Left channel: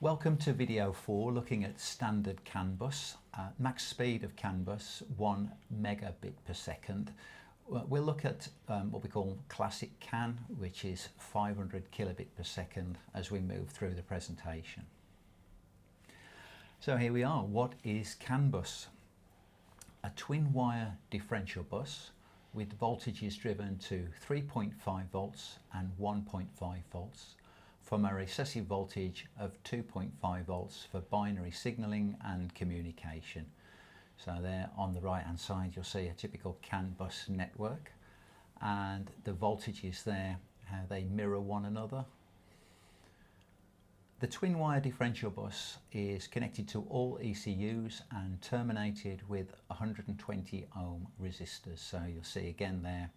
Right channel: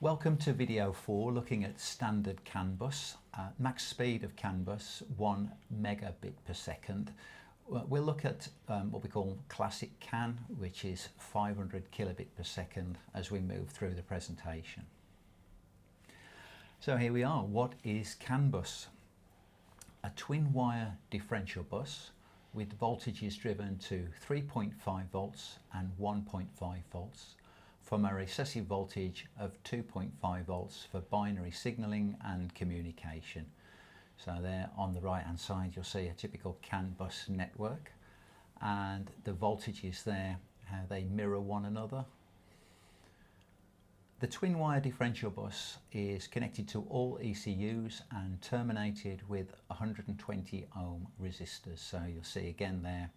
Welcome to video 4 looking at standard CAN bus. Max speed of CAN bus 1 megabit per second. We'll look at what we call classic CAN, which is 500 kilobit per second as we move through the presentation. So here we are. What is CAN bus? A twin wire differential bus with voltages driven to 3.5 volts and 1.5 volts from a recessive voltage of 2.5 volts for binary signalling and communication. So there on the right hand side you'll see a typical CAN bus network, and the voltages there, how they mirror one another. The twin wire differential bus is connected to all ECUs and terminated with 120 ohm resistors. So you'll see again there,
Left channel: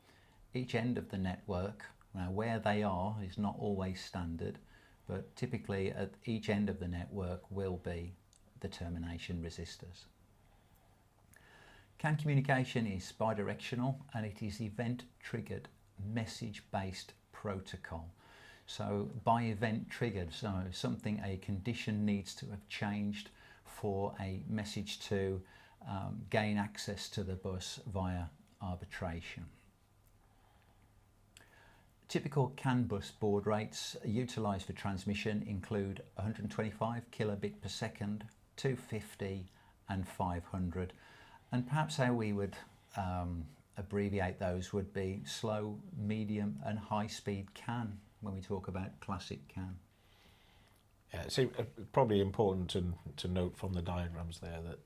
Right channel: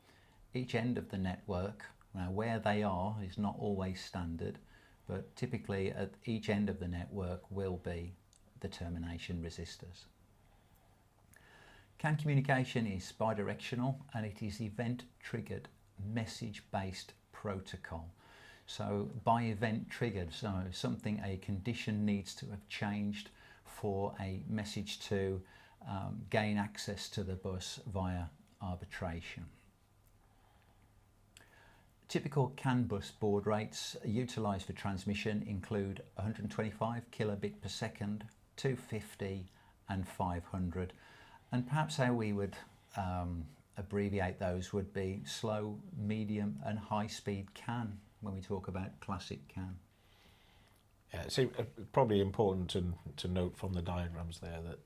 each end of the network. Now where they are is not always standard, but typically at each end of the network will be the termination resistors. CAN communication is bidirectional and it is event triggered message based protocol. So by event triggered, so a condition needs to have changed for a message to gain access to the bus via arbitration. Typical CAN bus baud rates utilised for transmission include 125 kilobit per second, 250 and 500. And perhaps how we would abbreviate those would be slow, medium and high speed CAN when we talk about classic CAN. Yeah, it's probably important to note from the diagrams there that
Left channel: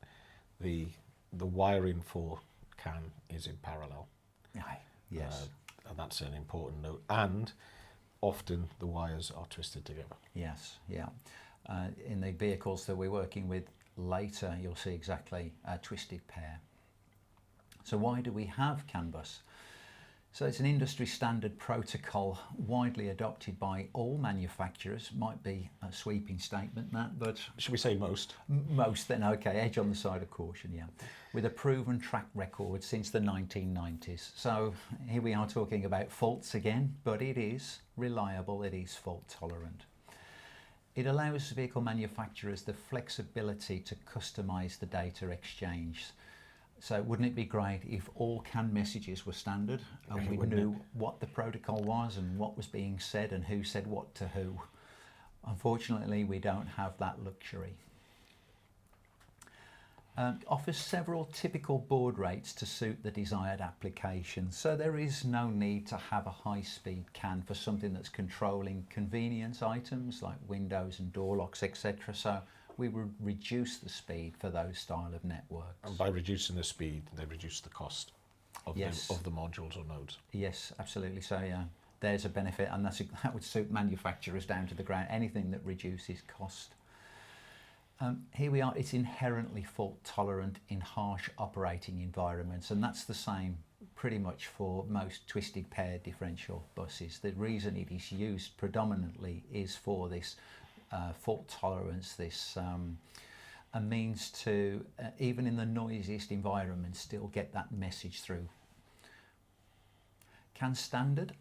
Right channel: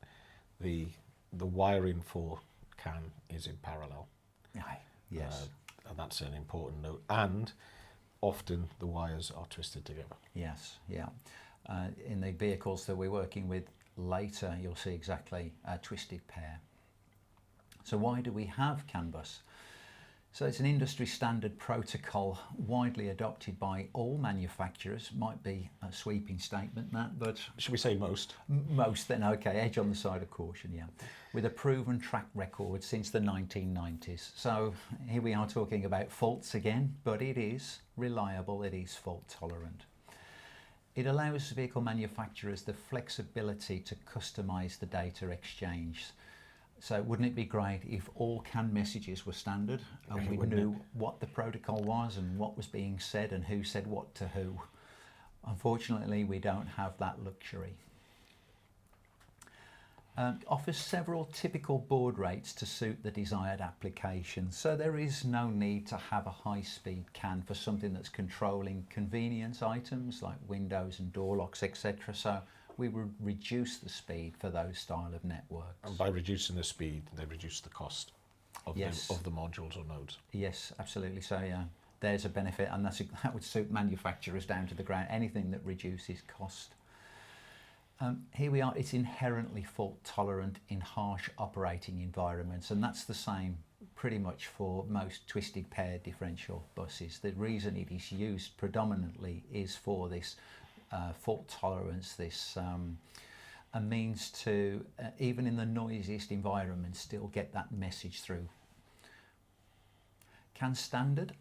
the wiring for CAN is in parallel. Aye, yes. And that's an important note, and often the wires are twisted together. Yes, yeah. In the vehicles that we're working with later, you'll see exactly a twisted pair. So why do we have CAN bus? So it's an industry standard protocol widely adopted by all manufacturers. Might be a sweeping statement that, but... Should we say most? Most then, okay, edge on the side of caution, yeah. With a proven track record since the 1990s. So here we are talking about faults again, but it is reliable, it is fault tolerant. It allows vehicle manufacturers the flexibility to customise the data exchange. So wouldn't it be great if all CAN messages were standard and we knew what the protocol was and what was being said and who said what to who? Unfortunately, we don't have that luxury. Offers several typical baud rates to suit the desired application. So there is no need to have a high-speed CAN for something that's controlling convenience items like windows and door locks, etc. So we would reduce the speed for those style of networks. And by reducing the speed, they reduce the cost of, yes, of the modules or nodes. Yes, absolutely. So yeah, there's a benefit, and that would suit manufacturers down to the ground, anything that reduces cost. Here we are, it's inherently fault tolerant in harsh operating environments, and that's the same pretty much for most twisted pair differential buses. The reason it is used predominantly is for this fault tolerance, this a means to, even in the noisiest environments, still get that message through. CAN standard,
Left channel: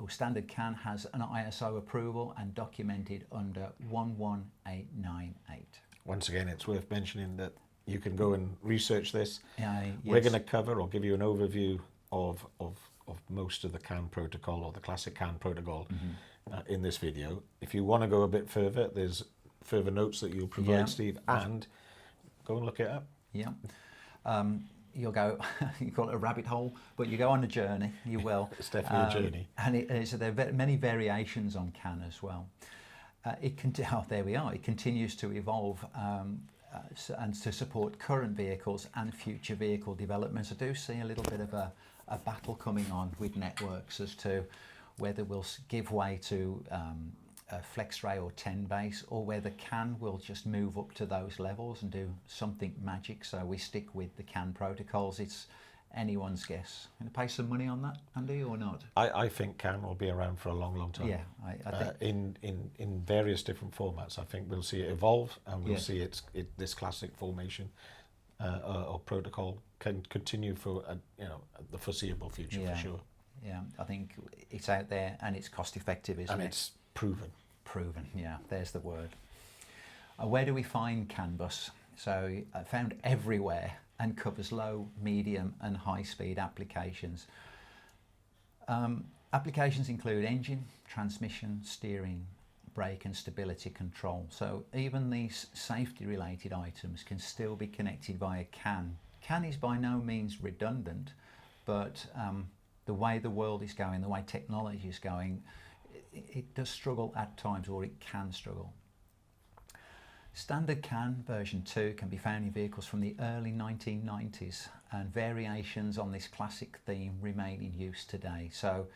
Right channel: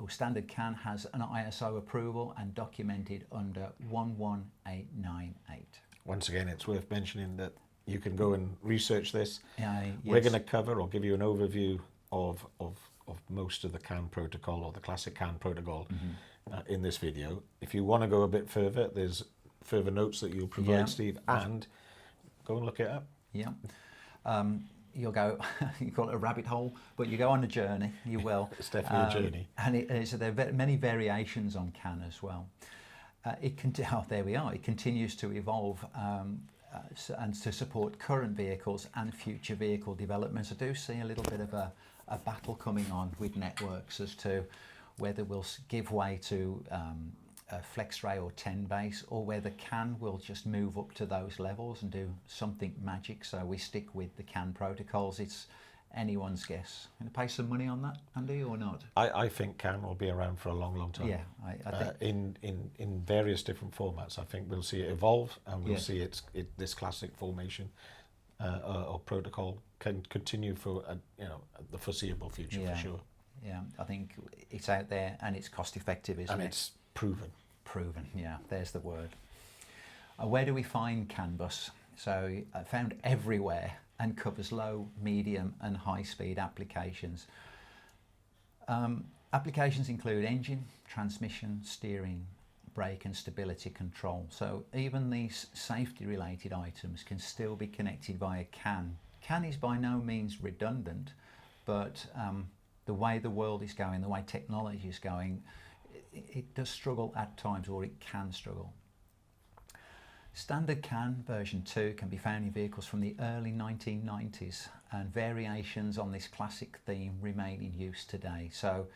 or standard CAN has an ISO approval and documented under 11898. Once again, it's worth mentioning that you can go and research this. Yes. We're going to cover or give you an overview of most of the CAN protocol or the classic CAN protocol in this video. If you want to go a bit further, there's further notes that you'll provide, yeah, Steve, and go and look it up. Yeah. You'll go, you call it a rabbit hole, but you go on a journey, you will. It's definitely a journey. And so there are many variations on CAN as well. There we are, it continues to evolve and to support current vehicles and future vehicle developments. I do see a little bit of a battle coming on with networks as to whether we'll give way to a FlexRay or 10 base, or whether CAN will just move up to those levels and do something magic. So we stick with the CAN protocols. It's anyone's guess. Going to pay some money on that, Andy, or not? I think CAN will be around for a long, long time. Yeah, I think in various different formats. I think we'll see it evolve, and we'll see this classic formation or protocol can continue for the foreseeable future, for sure. Yeah, I think it's out there and it's cost effective, isn't it? And it's proven. Proven, yeah, there's the word. Where do we find CAN bus? So found everywhere and covers low, medium and high speed applications. Applications include engine, transmission, steering, brake and stability control. So even these safety related items can still be connected via CAN. CAN is by no means redundant, but the way the world is going, the way technology is going, it does struggle at times, or it can struggle. Standard CAN version 2 can be found in vehicles from the early 1990s, and variations on this classic theme remain in use today. So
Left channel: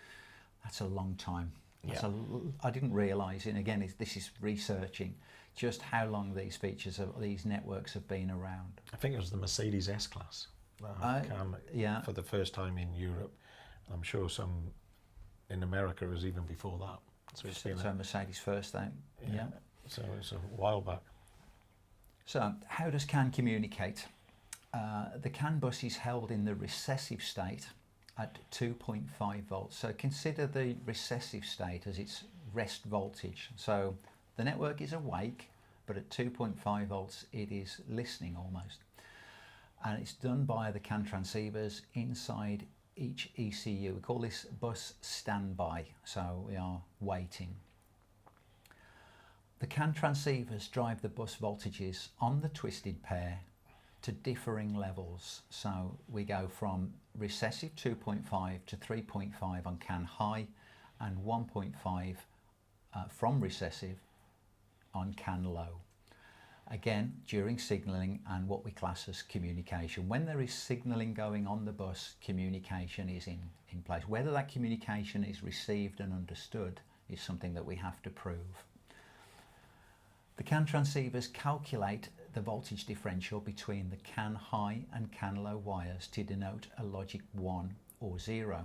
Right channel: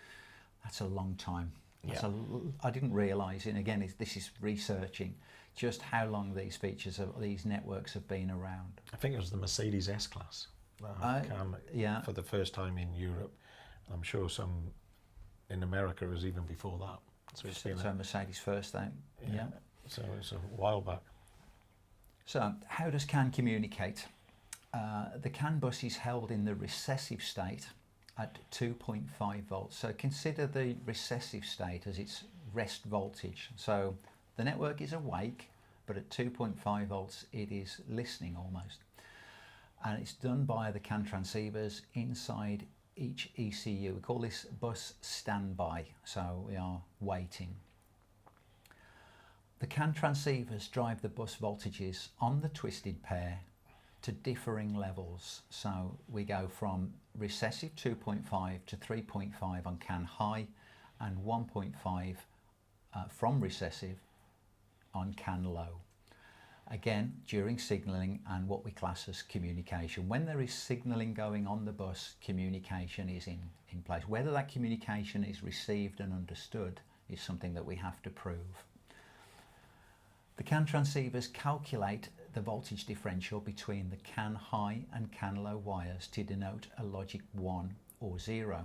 that's a long time. Yeah. I didn't realise, and again, this is researching just how long these features of these networks have been around. I think it was the Mercedes S-Class CAN yeah. for the first time in Europe. I'm sure some in America was even before that. So it's been so Mercedes first, though. Yeah. So it's a while back. So how does CAN communicate? The CAN bus is held in the recessive state at 2.5 volts. So consider the recessive state as its rest voltage. So the network is awake, but at 2.5 volts it is listening almost. And it's done by the CAN transceivers inside each ECU. We call this bus standby, so we are waiting. The CAN transceivers drive the bus voltages on the twisted pair to differing levels. So we go from recessive 2.5 to 3.5 on CAN high, and 1.5 from recessive on CAN low. Again, during signalling and what we class as communication. When there is signalling going on the bus, communication is in place. Whether that communication is received and understood is something that we have to prove. The CAN transceivers calculate the voltage differential between the CAN high and CAN low wires to denote a logic 1 or 0.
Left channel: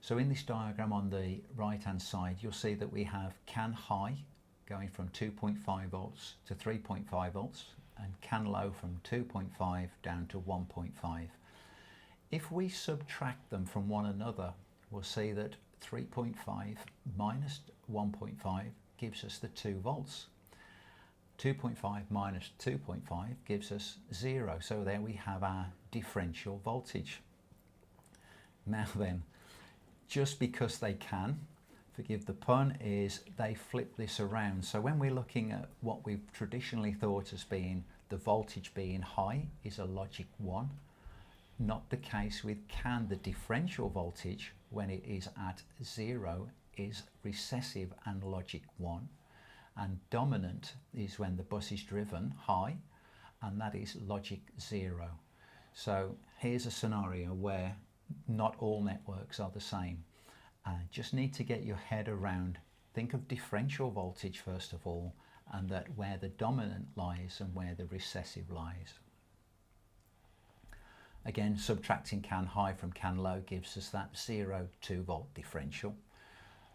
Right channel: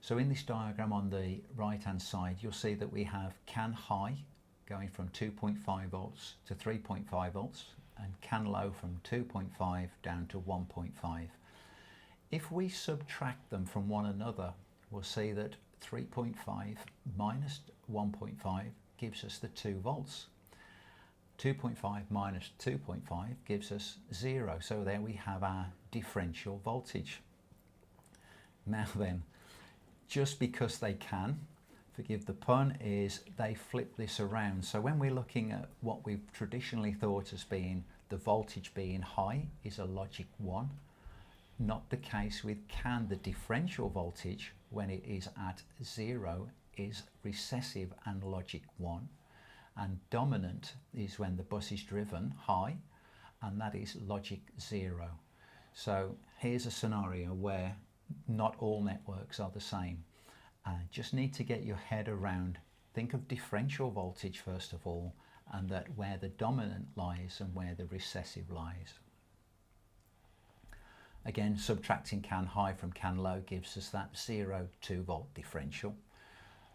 So in this diagram on the right hand side, you'll see that we have CAN high going from 2.5 volts to 3.5 volts, and CAN low from 2.5 down to 1.5. If we subtract them from one another, we'll see that 3.5 minus 1.5 gives us the 2 volts. 2.5 minus 2.5 gives us 0. So there we have our differential voltage. Now then, just because they can, forgive the pun, is they flip this around. So when we're looking at what we've traditionally thought as being the voltage being high is a logic 1. Not the case with CAN. The differential voltage when it is at 0 is recessive and logic 1. And dominant is when the bus is driven high, and that is logic 0. So here's a scenario where not all networks are the same. Just need to get your head around, think of differential voltage first of all, and that where the dominant lies and where the recessive lies. Again, subtracting CAN high from CAN low gives us that 0 2 volt differential,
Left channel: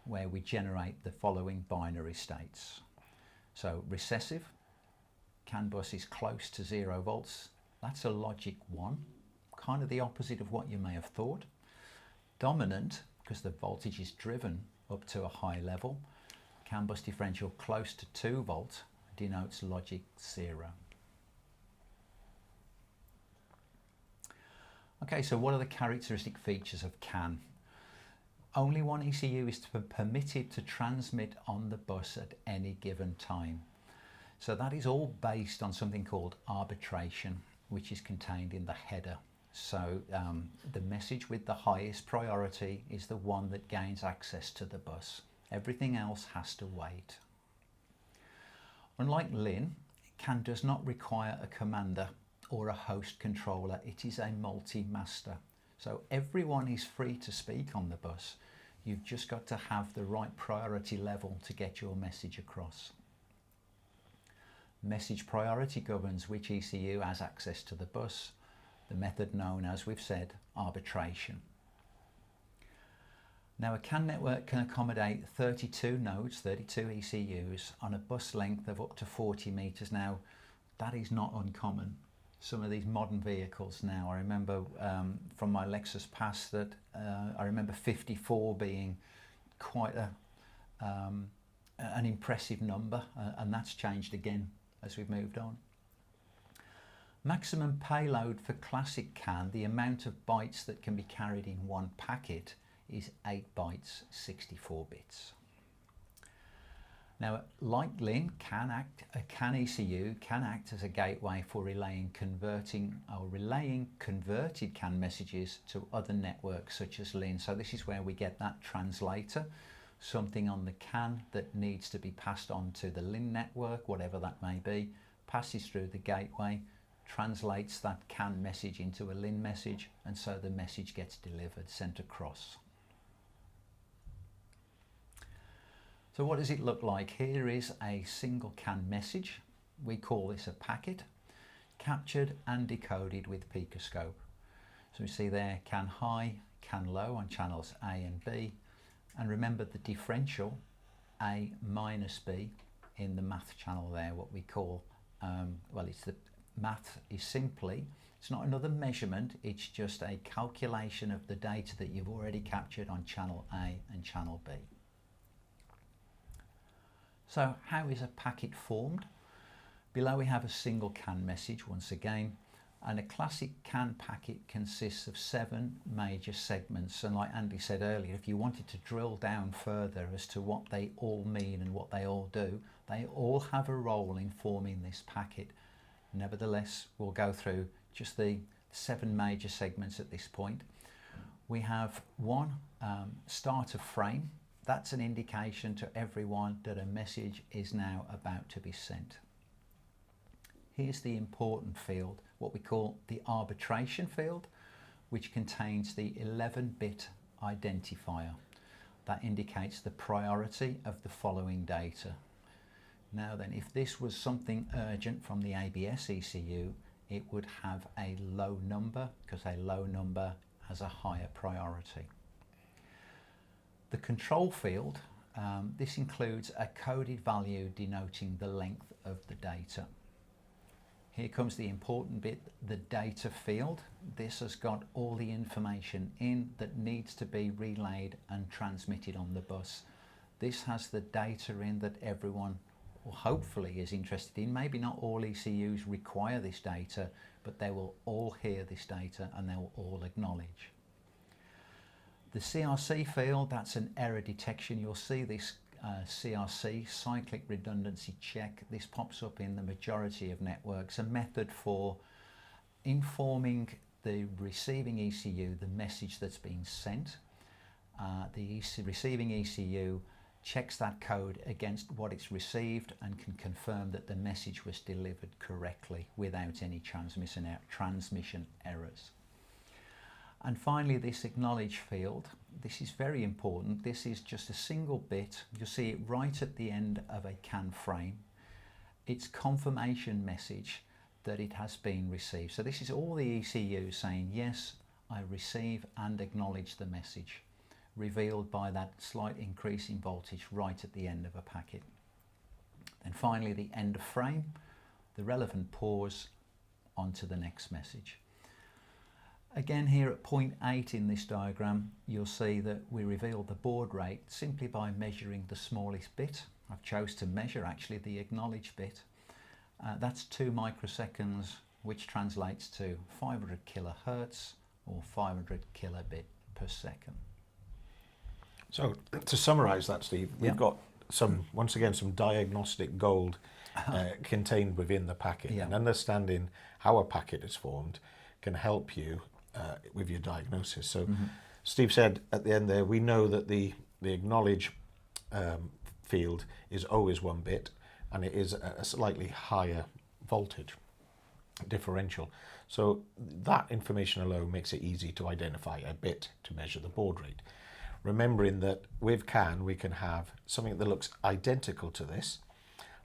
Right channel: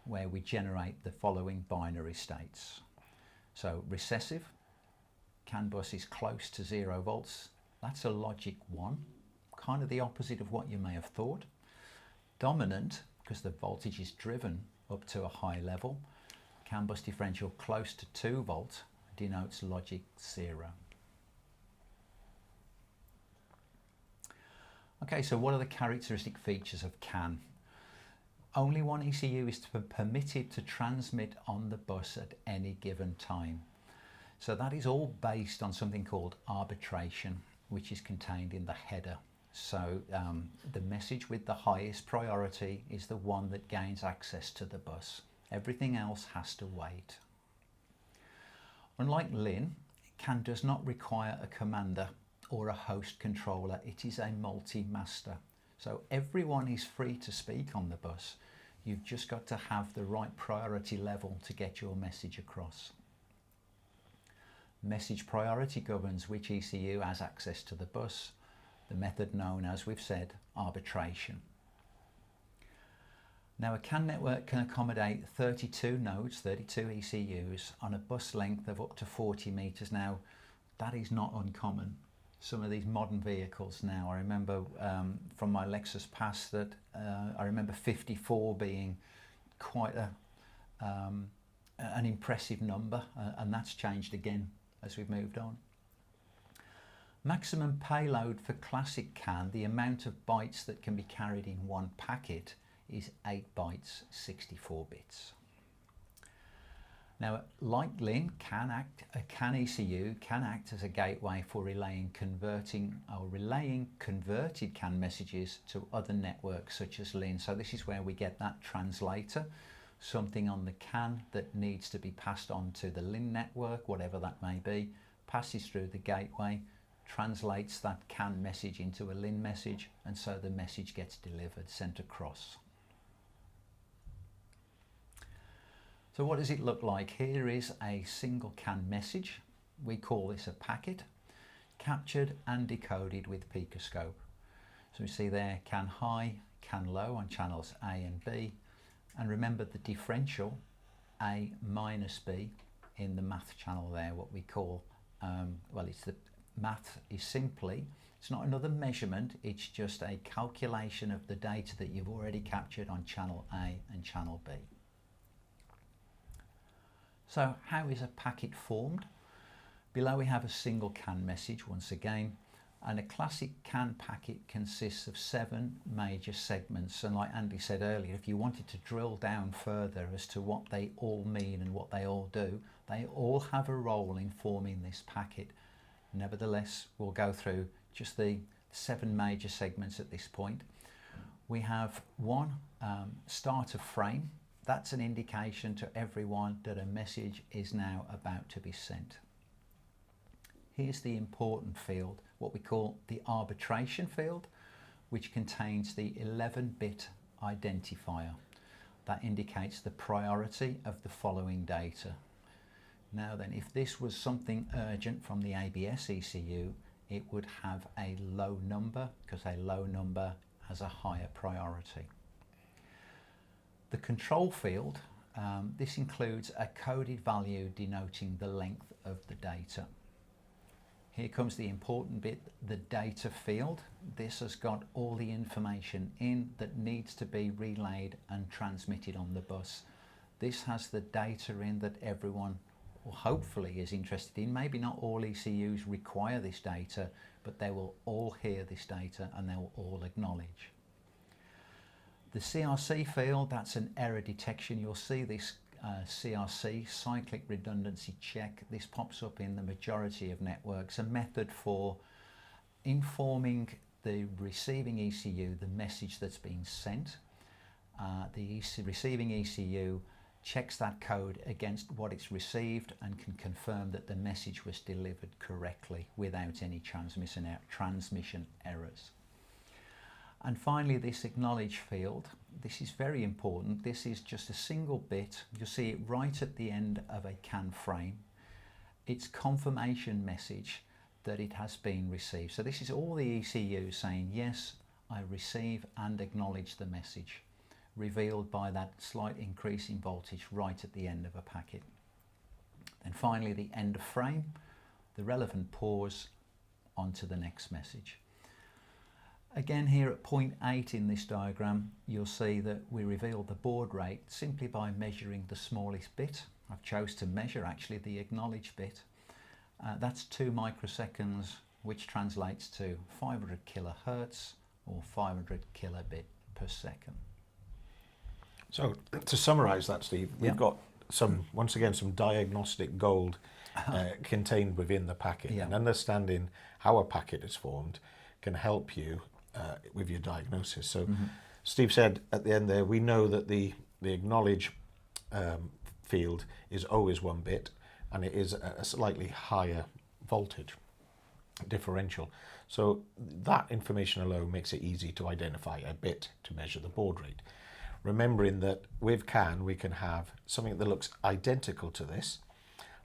where we generate the following binary states. So recessive, CAN bus is close to 0 volts. That's a logic 1, kind of the opposite of what you may have thought. Dominant, because the voltage is driven up to a high level. CAN bus differential close to 2 volts denotes logic 0. Okay, so what are the characteristic features of CAN? Only one ECU is permitted to transmit on the bus at any given time. So that is all based on something called arbitration, which is contained in the header. So the message with the highest priority is the one that gains access to the bus. Everything else has to wait. Unlike LIN, CAN does not require a commander or a host controller. It is a multi-master. So everyone is free to speak on the bus. You've just got to have the right priority level to get your message across. Message priority governs which ECU has access to the bus, the method known as, we've said, arbitration. Now a CAN network can accommodate 32 nodes, 32 ECUs on a bus length of up to 40 meters. Now that is not uncommon. Some of these modern vehicles now, I remember from my Lexus past that I remember 54 being quite an impressive number, and that's changed again as we've moved on. Maximum payload for classic CAN, the amount of bytes that can be carried in one packet, is 8 bytes, 64 bits. Now, like LIN, CAN ECU can act as a gateway for relaying converted CAN messages to other networks such as LIN. So this is where we get that translator, something on the CAN that needs to be passed on to the LIN network, whatever that may be, passes through the gateway, translates that CAN message into a LIN message, and so the message gets delivered, sent across. So what does it look like? Here is a single CAN message. We call this a packet, captured and decoded with PicoScope. So we see there CAN high, CAN low on channels A and B, and remember the differential A minus B in the math channel there, what we call, it's the math is simply, it's not another measurement, it's just a calculation of the data that you've already captured on channel A and channel B. So how is a packet formed? Below we have a single CAN message once again, and a classic CAN packet consists of 7 major segments, and like Andy said earlier, if you wanted to drill down further as to what they all mean and what they all do, they all have a role in forming this packet. Nevertheless, we'll go through just the 7 major segments at this point. We have one starter frame. That's an indication to everyone that a message is now about to be sent. Here's the important field, what we call the arbitration field, which contains the 11-bit identifier. That indicates the priority of the following data. Now then, if this was something urgent from the ABS ECU, it would have a low number, because a low number has a higher priority. The control field, this includes a coded value denoting the length of the data. Here comes the important bit, the data field. This has got all the information in that needs to be relayed and transmitted on the bus. This has the data in that everyone, or hopefully, is interested in. Maybe not all ECUs require this data, but they will all hear this data and they will all acknowledge. The CRC field, that's an error detection. You'll see this CRC, cyclic redundancy check. This pops up in the majority of networks, a method for informing the receiving ECU the message that's being sent. The receiving ECU checks that code against what it's received and can confirm that the message was delivered correctly without any transmission errors. And finally, this acknowledge field, this is very important. This is just a single bit. You'll see it right at the end of a CAN frame. It's confirmation message that it has been received. So this is all the ECU saying, yes, I receive and acknowledge the message, revealed by that slight increase in voltage right at the end of a packet. And finally, the end of frame, the relevant pause onto the next message. Again, here at point 8 in this diagram, you'll see that we reveal the baud rate simply by measuring the smallest bit. I've chose to measure actually the acknowledge bit. That's 2 microseconds, which translates to 500 kilohertz or 500 kilobit per second. So to summarize that, Steve, we've got once again some diagnostic gold contained within the packet, and understanding how a packet is formed can help you with your diagnosis. So Steve said at the end there, we know that the acknowledge field is always 1 bit, and it is a slightly higher voltage differential. So that information alone makes it easy to identify a bit to measure the baud rate. Remembering that with CAN we can have something that looks identical to this,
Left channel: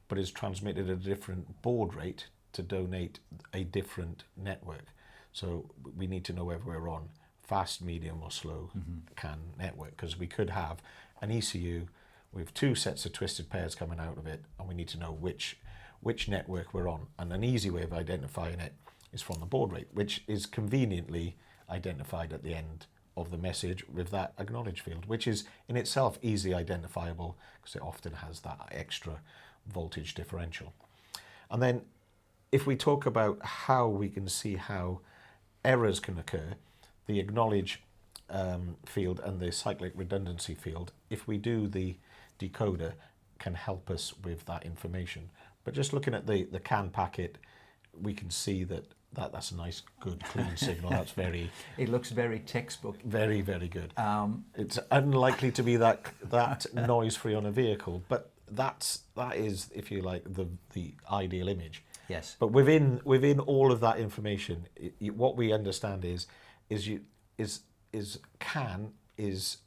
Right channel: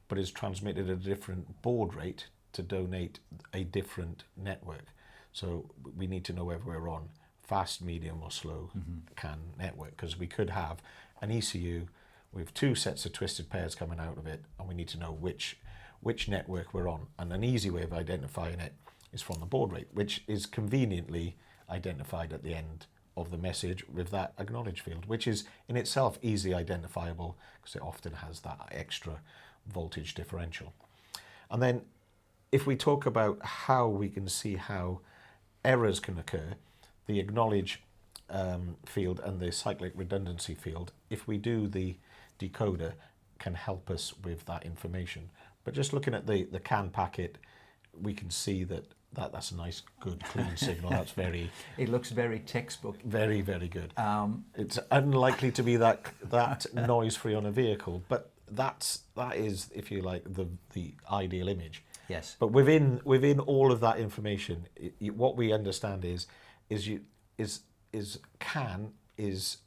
but is transmitted at a different baud rate to donate a different network. So we need to know whether we're on fast, medium or slow CAN network, because we could have an ECU with 2 sets of twisted pairs coming out of it, and we need to know which network we're on. And an easy way of identifying it is from the baud rate, which is conveniently identified at the end of the message with that acknowledge field, which is in itself easily identifiable because it often has that extra voltage differential. And then if we talk about how we can see how errors can occur, the acknowledge field and the cyclic redundancy field, if we do the decoder, can help us with that information. But just looking at the CAN packet, we can see that's a nice, good, clean signal. That's very... It looks very textbook. Very, very good. It's unlikely to be that noise-free on a vehicle, but that is, if you like, the ideal image. Yes. But within all of that information, what we understand is CAN is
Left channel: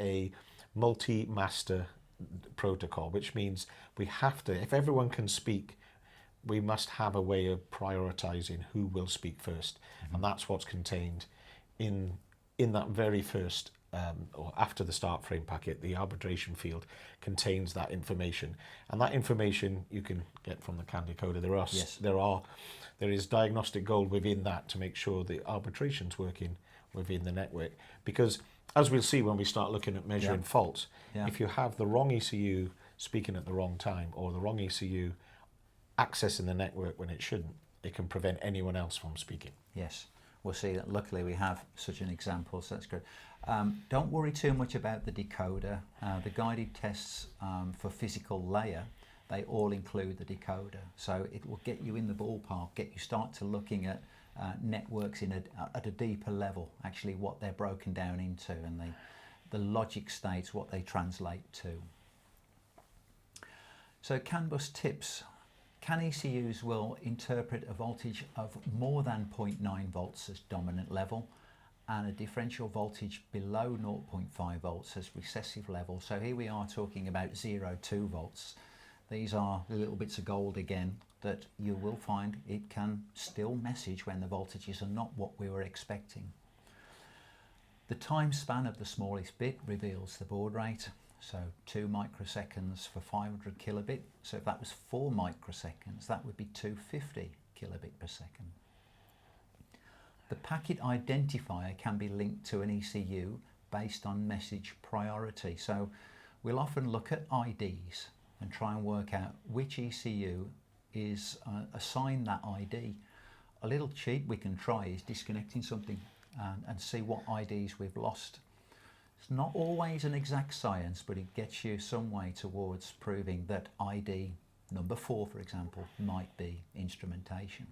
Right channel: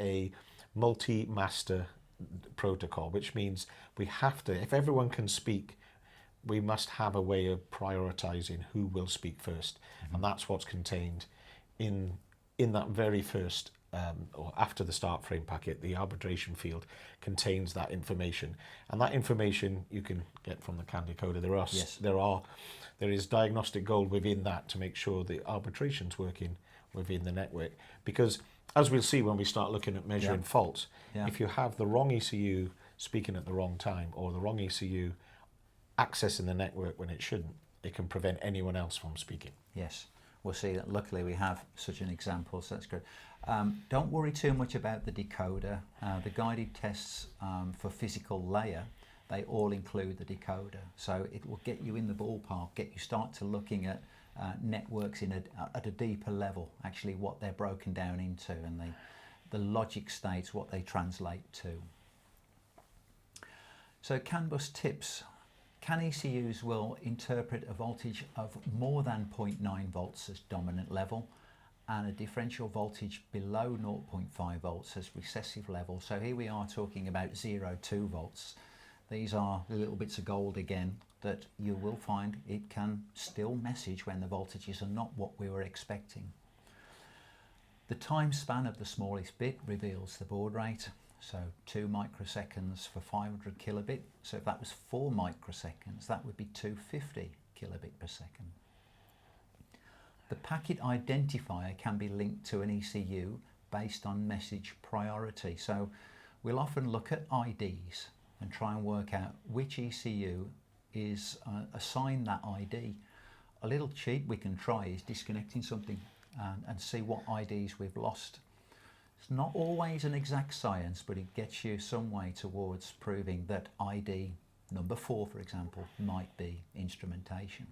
a multi-master protocol, which means we have to, if everyone can speak, we must have a way of prioritizing who will speak first. And that's what's contained in that very first or after the start frame packet. The arbitration field contains that information, and that information you can get from the CAN decoder. There is diagnostic gold within that to make sure the arbitration's working within the network, because as we'll see when we start looking at measuring faults, if you have the wrong ECU speaking at the wrong time, or the wrong ECU accessing the network when it shouldn't, it can prevent anyone else from speaking. Yes, we'll see that. Luckily we have such an example, so that's good. Don't worry too much about the decoder. The guided tests for physical layer, they all include the decoder, so it will get you in the ballpark, get you start to looking at networks at a deeper level, actually what they're broken down into, and the logic states, what they translate to. So CAN bus tips. CAN ECUs will interpret a voltage of more than 0.9 volts as dominant level, and a differential voltage below 0.5 volts as recessive level. So here we are talking about 0.2 volts. These are the little bits of gold again that you will find it can still message when the voltages are not what we were expecting. The time span of the smallest bit reveals the baud rate. So 2 microseconds for 500 kilobit. So if that was 4 microseconds, that would be 250 kilobit per second. The packet identifier can be linked to an ECU based on message priority. So we'll often look at IDs and try and work out which ECU is assigned that ID. A little cheat we can try is disconnecting something and see what IDs we've lost. It's not always an exact science, but it gets you some way towards proving that ID number 4, for example, might be instrumentation.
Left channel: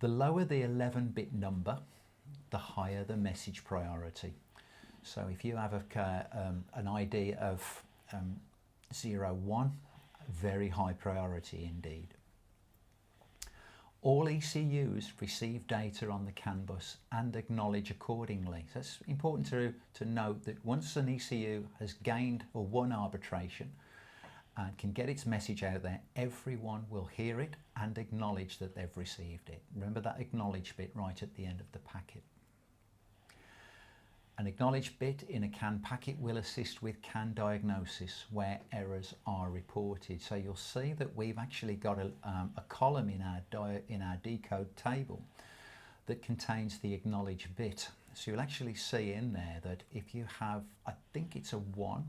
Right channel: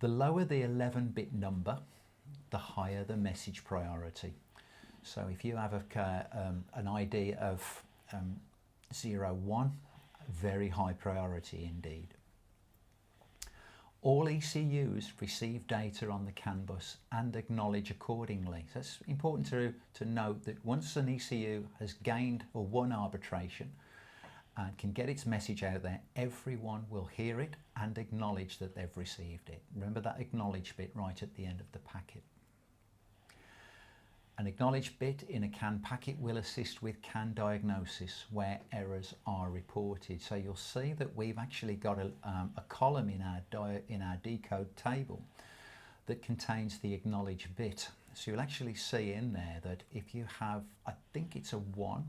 The lower the 11-bit number, the higher the message priority. So if you have an ID of 01, very high priority indeed. All ECUs receive data on the CAN bus and acknowledge accordingly. So it's important to note that once an ECU has gained or won arbitration and can get its message out there, everyone will hear it and acknowledge that they've received it. Remember that acknowledge bit right at the end of the packet. An acknowledge bit in a CAN packet will assist with CAN diagnosis where errors are reported. So you'll see that we've actually got a column in our decode table that contains the acknowledge bit. So you'll actually see in there that if you have, I think it's a 1,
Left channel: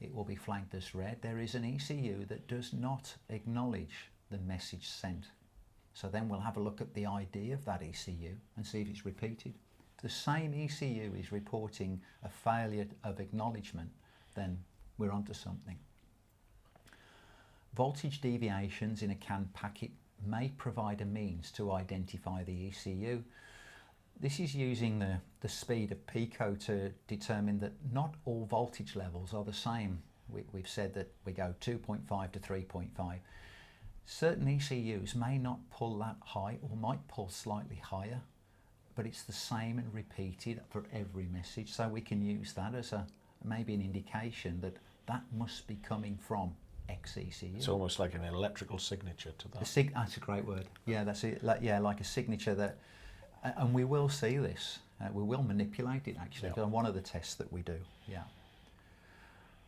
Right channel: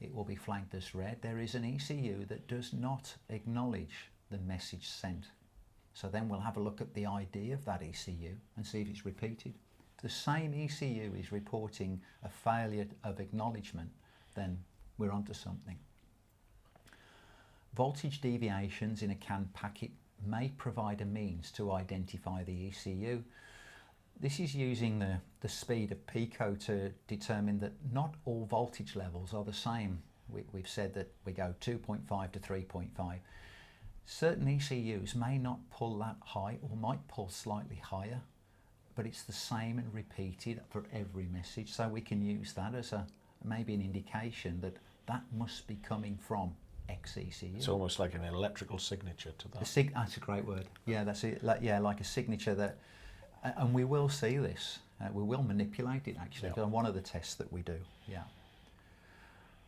it will be flagged as red. There is an ECU that does not acknowledge the message sent. So then we'll have a look at the ID of that ECU and see if it's repeated. If the same ECU is reporting a failure of acknowledgement, then we're onto something. Voltage deviations in a CAN packet may provide a means to identify the ECU. This is using the speed of Pico to determine that not all voltage levels are the same. We've said that we go 2.5 to 3.5. Certain ECUs may not pull that high or might pull slightly higher, but it's the same and repeated for every message. So we can use that as maybe an indication that that must be coming from X ECU. It's almost like an electrical signature to that. That's a great word. Yeah, that's it. Like a signature that, and we will see this. We will manipulate it actually on one of the tests that we do. Yeah.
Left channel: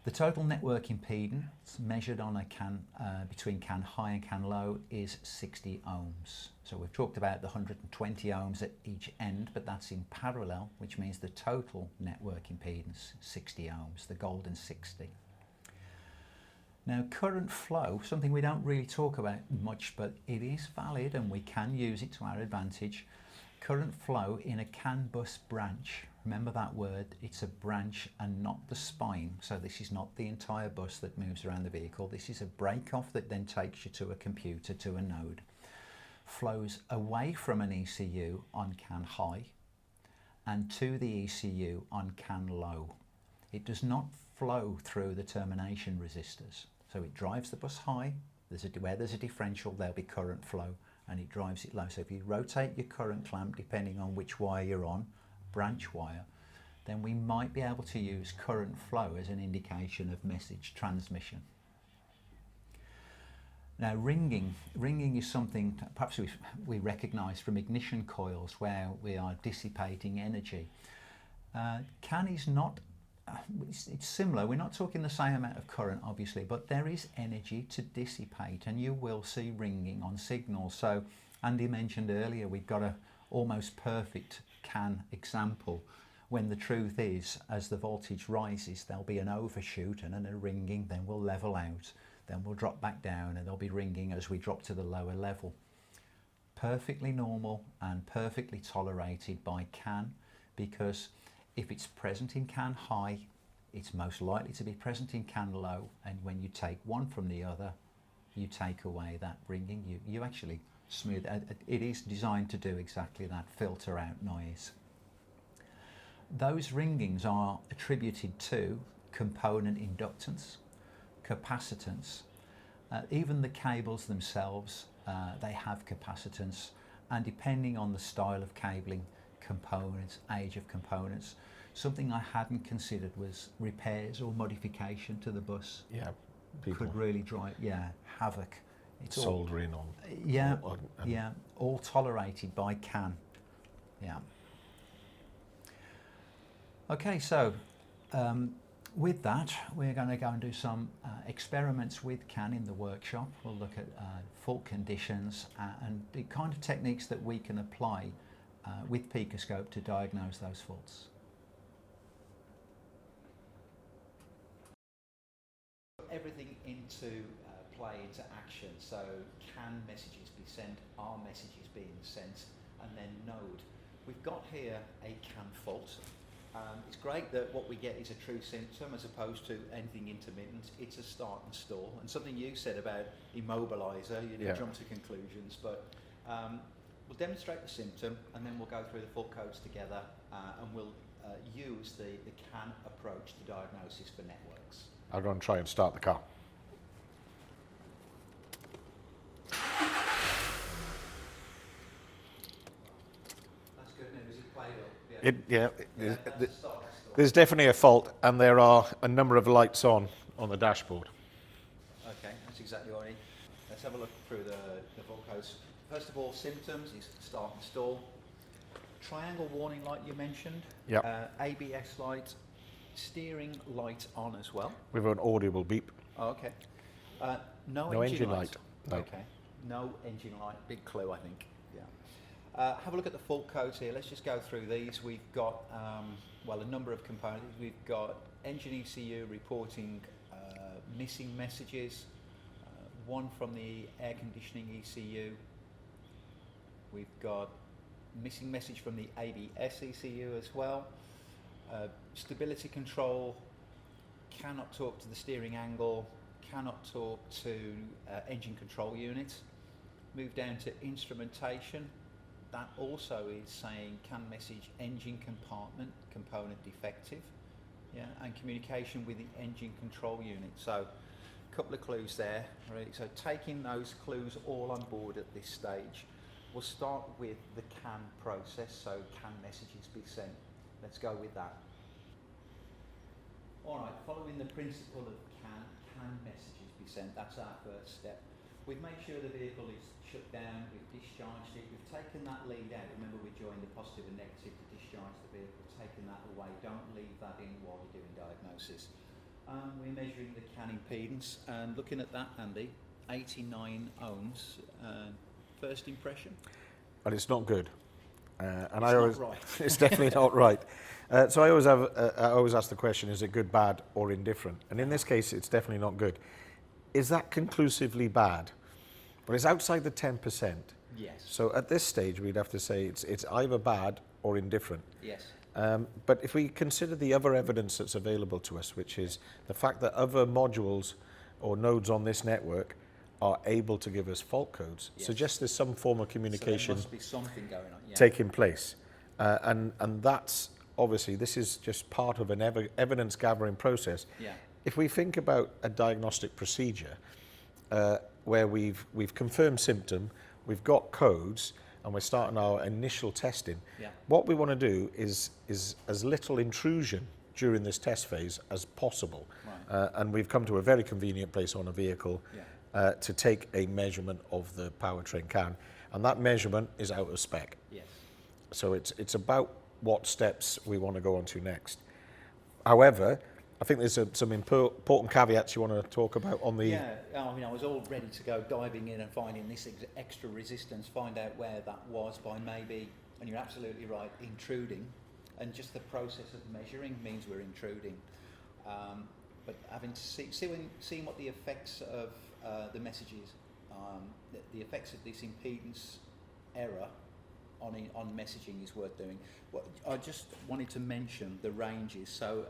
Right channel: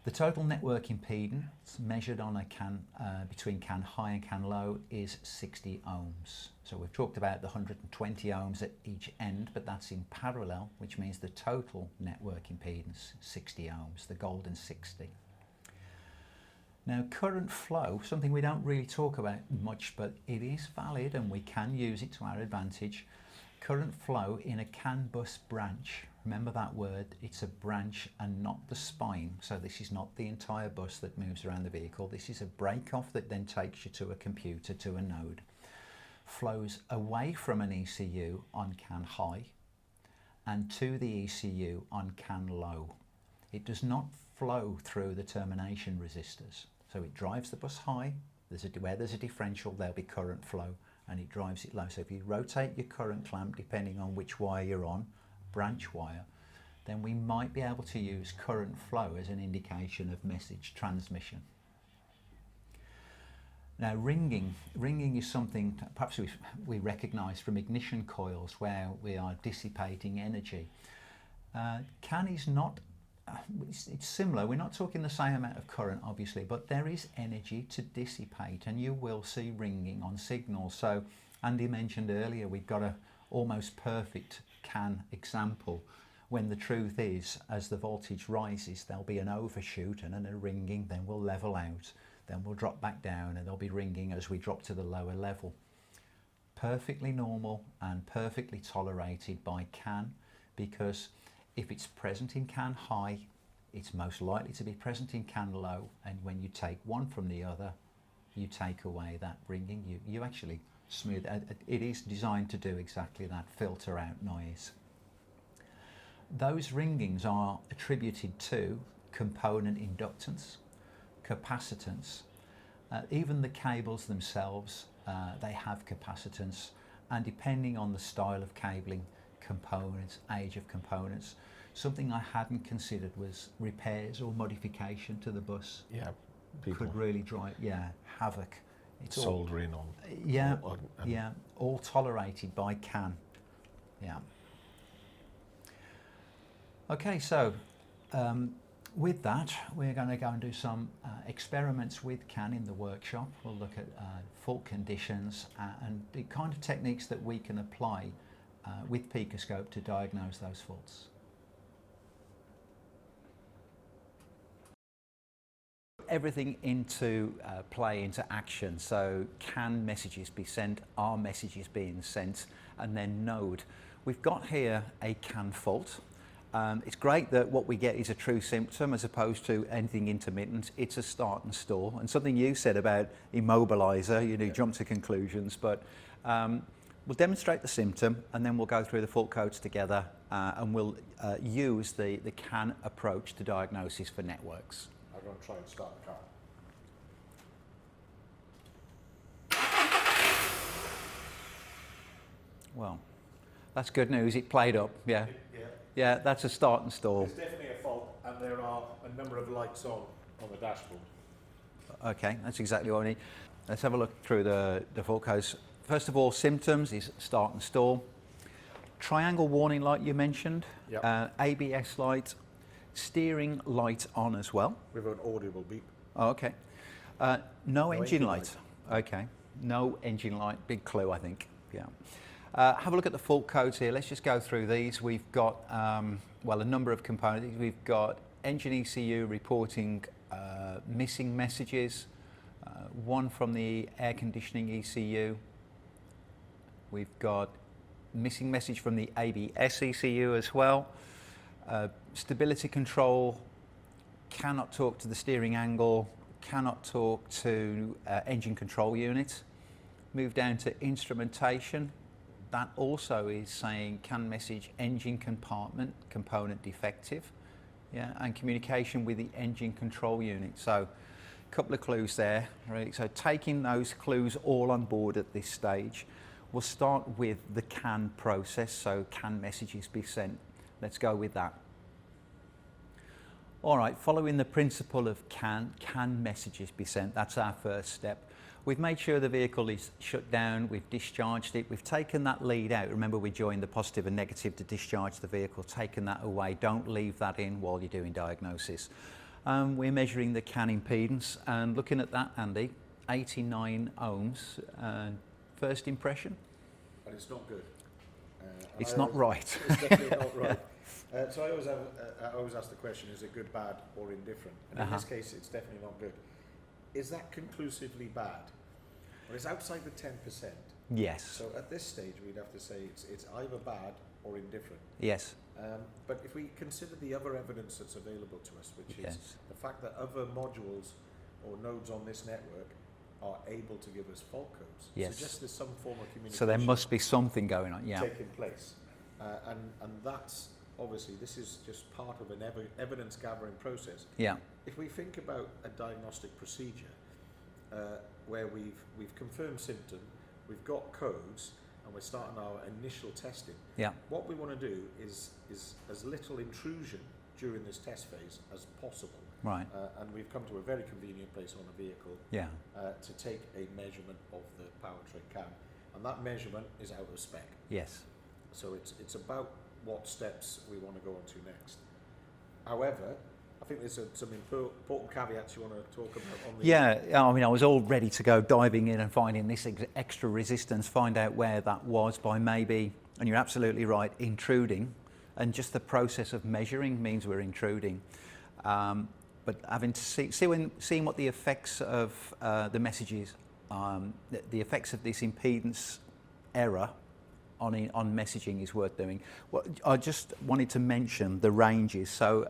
The total network impedance measured on a CAN between CAN high and CAN low is 60 ohms. So we've talked about the 120 ohms at each end, but that's in parallel, which means the total network impedance 60 ohms, the golden 60. Now, current flow, something we don't really talk about much, but it is valid and we can use it to our advantage. Current flow in a CAN bus branch. Remember that word, it's a branch and not the spine. So this is not the entire bus that moves around the vehicle. This is a break-off that then takes you to a computer, to a node. Flows away from an ECU on CAN high and to the ECU on CAN low. It does not flow through the termination resistors. So it drives the bus high, where there's a differential there'll be current flow, and it drives it low. So if you rotate your current clamp, depending on which wire you're on, branch wire, then we might be able to use current flow as an indication of message transmission. Now ringing is something that perhaps we recognise from ignition coils where we are dissipating energy. CAN is not, it's similar, we're not talking the same amount of current obviously, but there is energy to dissipate and you will see ringing on signals. So Andy mentioned earlier we've got a almost perfect CAN example, when the truth is as the voltage rises there'll be an overshoot and then a ringing, then we'll level out, then we'll drop back down and there'll be ringing as we drop to the lower level. Perfectly normal and perfectly tolerated by CAN, because if it's present in CAN high, it's most likely to be present in CAN low, and when you take one from the other, you take away that ringing. You actually smooth. It is designed to do exactly that, filter out noise. Those ringings are attributed to component inductance, capacitance, even the cables themselves, they have capacitance, and depending on the style of cabling, components, age of components. Something I hadn't considered was repairs or modification to the bus. Yeah, could really drive havoc. It's soldering on. Yeah, all tolerated by CAN. Yeah. Okay, so with that, we're going to go and do some experiments with CAN in the workshop. We'll look at fault conditions and the kind of techniques that we can apply with PicoScope to diagnose those faults. Everything into play, into action. So can messages be sent, are messages being sent, and then node. We've got here a CAN fault. It's great that what we get is a true symptom as opposed to anything intermittent. It's a start and stall. And something you said about immobilizer, you jump to conclusions, but we'll demonstrate the symptom and then we'll go through the fault codes together and we'll use the CAN approach to diagnosis for networks. I'll go and try and start the car. Well, that's good news. It played up. Yeah. That's a start and stall. There's definitely a fault, and there are a number of lights on the dashboard. Okay, that's exactly what we need. Let's have a look through the fault codes. First of all, symptoms is start and stall. Triangle warning light you mentioned. Yep. ABS light. Steering light on as well. With an audible beep. Oh, okay. No engine light. No. Okay. No engine light. Big clue, I think. Yeah. Have a look at the fault codes here. Let's just go through these. We've got, well, a number of components. We've got engine ECU reporting missing messages. One from the air conditioning ECU. We've got missing message from the ABS ECU as well. Stability control, cannot talk to the steering angle, cannot talk to engine control unit. Move down to instrumentation. That also is saying CAN message engine compartment, component defective. Yeah, and communication with the engine control unit. So a couple of clues there. Right? So taking those clues all on board at this stage, we'll start with the CAN process. So CAN messages be sent. Let's go with that. All right, following the principle of CAN messages be sent. That's our first step. We've made sure the vehicle is shut down, we've discharged it, we've taken that lead out. Remember, we joined the positive and negative to discharge the vehicle, taken that away. Don't leave that in while you're doing diagnosis. We're measuring the CAN impedance and looking at that, Andy, 89 ohms. First impression? And it's not good. And it's not right. It's definitely not right. So I always ask the question, is it good, bad, or indifferent? And in this case, it's definitely not good. is that conclusively bad? But it's outside the 10%. Yes. So at this stage, we'd have to say it's either bad or indifferent. Yes. But if we consider the other evidence that's available to us, which is the fact that other modules or nodes on this network are able to give us fault codes, suggests there's some form of communication. So there must be something going on, taking place. And that's, obviously, this is just part of an evidence gathering process. Yeah. If we think about a diagnostic procedure where we've confirmed symptom, we've got codes, and we're starting our initial testing, what we want to do is as little intrusion during this test phase as possible. Right. And we've come to a very convenient place on a vehicle to take a measurement of the powertrain CAN. And that measurement is out of spec. Yes. So it's about what steps we want to go on to next. However, I think there's some important caveats you want to talk about on the... Yeah, I mean, I was all ready to go diving in and finding this extra resistance, find out where that was by maybe, and you're absolutely right, intruding. And just the process of measuring means we're intruding. But having to seeing what the effects of the messages, the effects of this impedance error on messaging is worth doing. Well, I just wanted to mention the ranges. So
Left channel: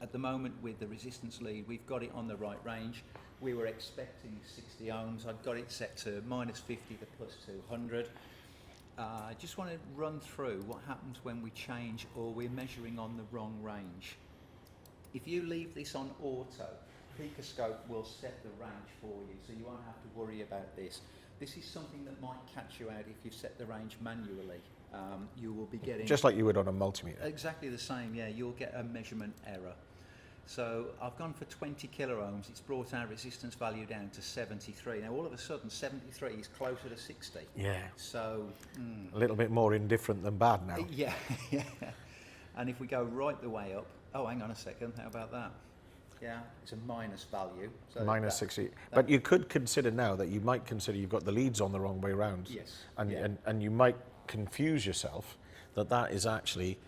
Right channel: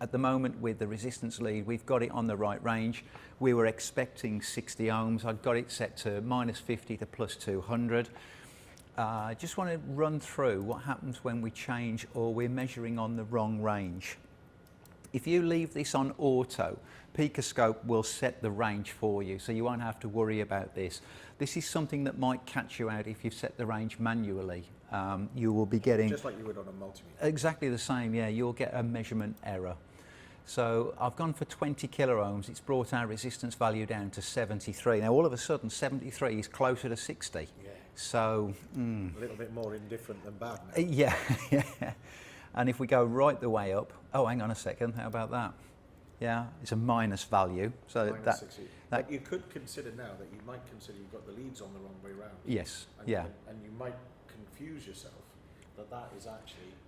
at the moment with the resistance lead, we've got it on the right range. We were expecting 60 ohms. I've got it set to -50 to +200. I just want to run through what happens when we change or we're measuring on the wrong range. If you leave this on auto, PicoScope will set the range for you, so you won't have to worry about this. This is something that might catch you out if you've set the range manually. You will be getting... Just like you would on a multimeter. Exactly the same, yeah. You'll get a measurement error. So I've gone for 20 kilo ohms. It's brought our resistance value down to 73. Now all of a sudden 73 is closer to 60. Yeah. So... a little bit more indifferent than bad now. Yeah, yeah. And if we go right the way up... Oh, hang on a second. How about that? Yeah, it's a minus value. So minus 60. But you could consider now that you might consider you've got the leads on the wrong way round. Yes. And you might confuse yourself that is actually,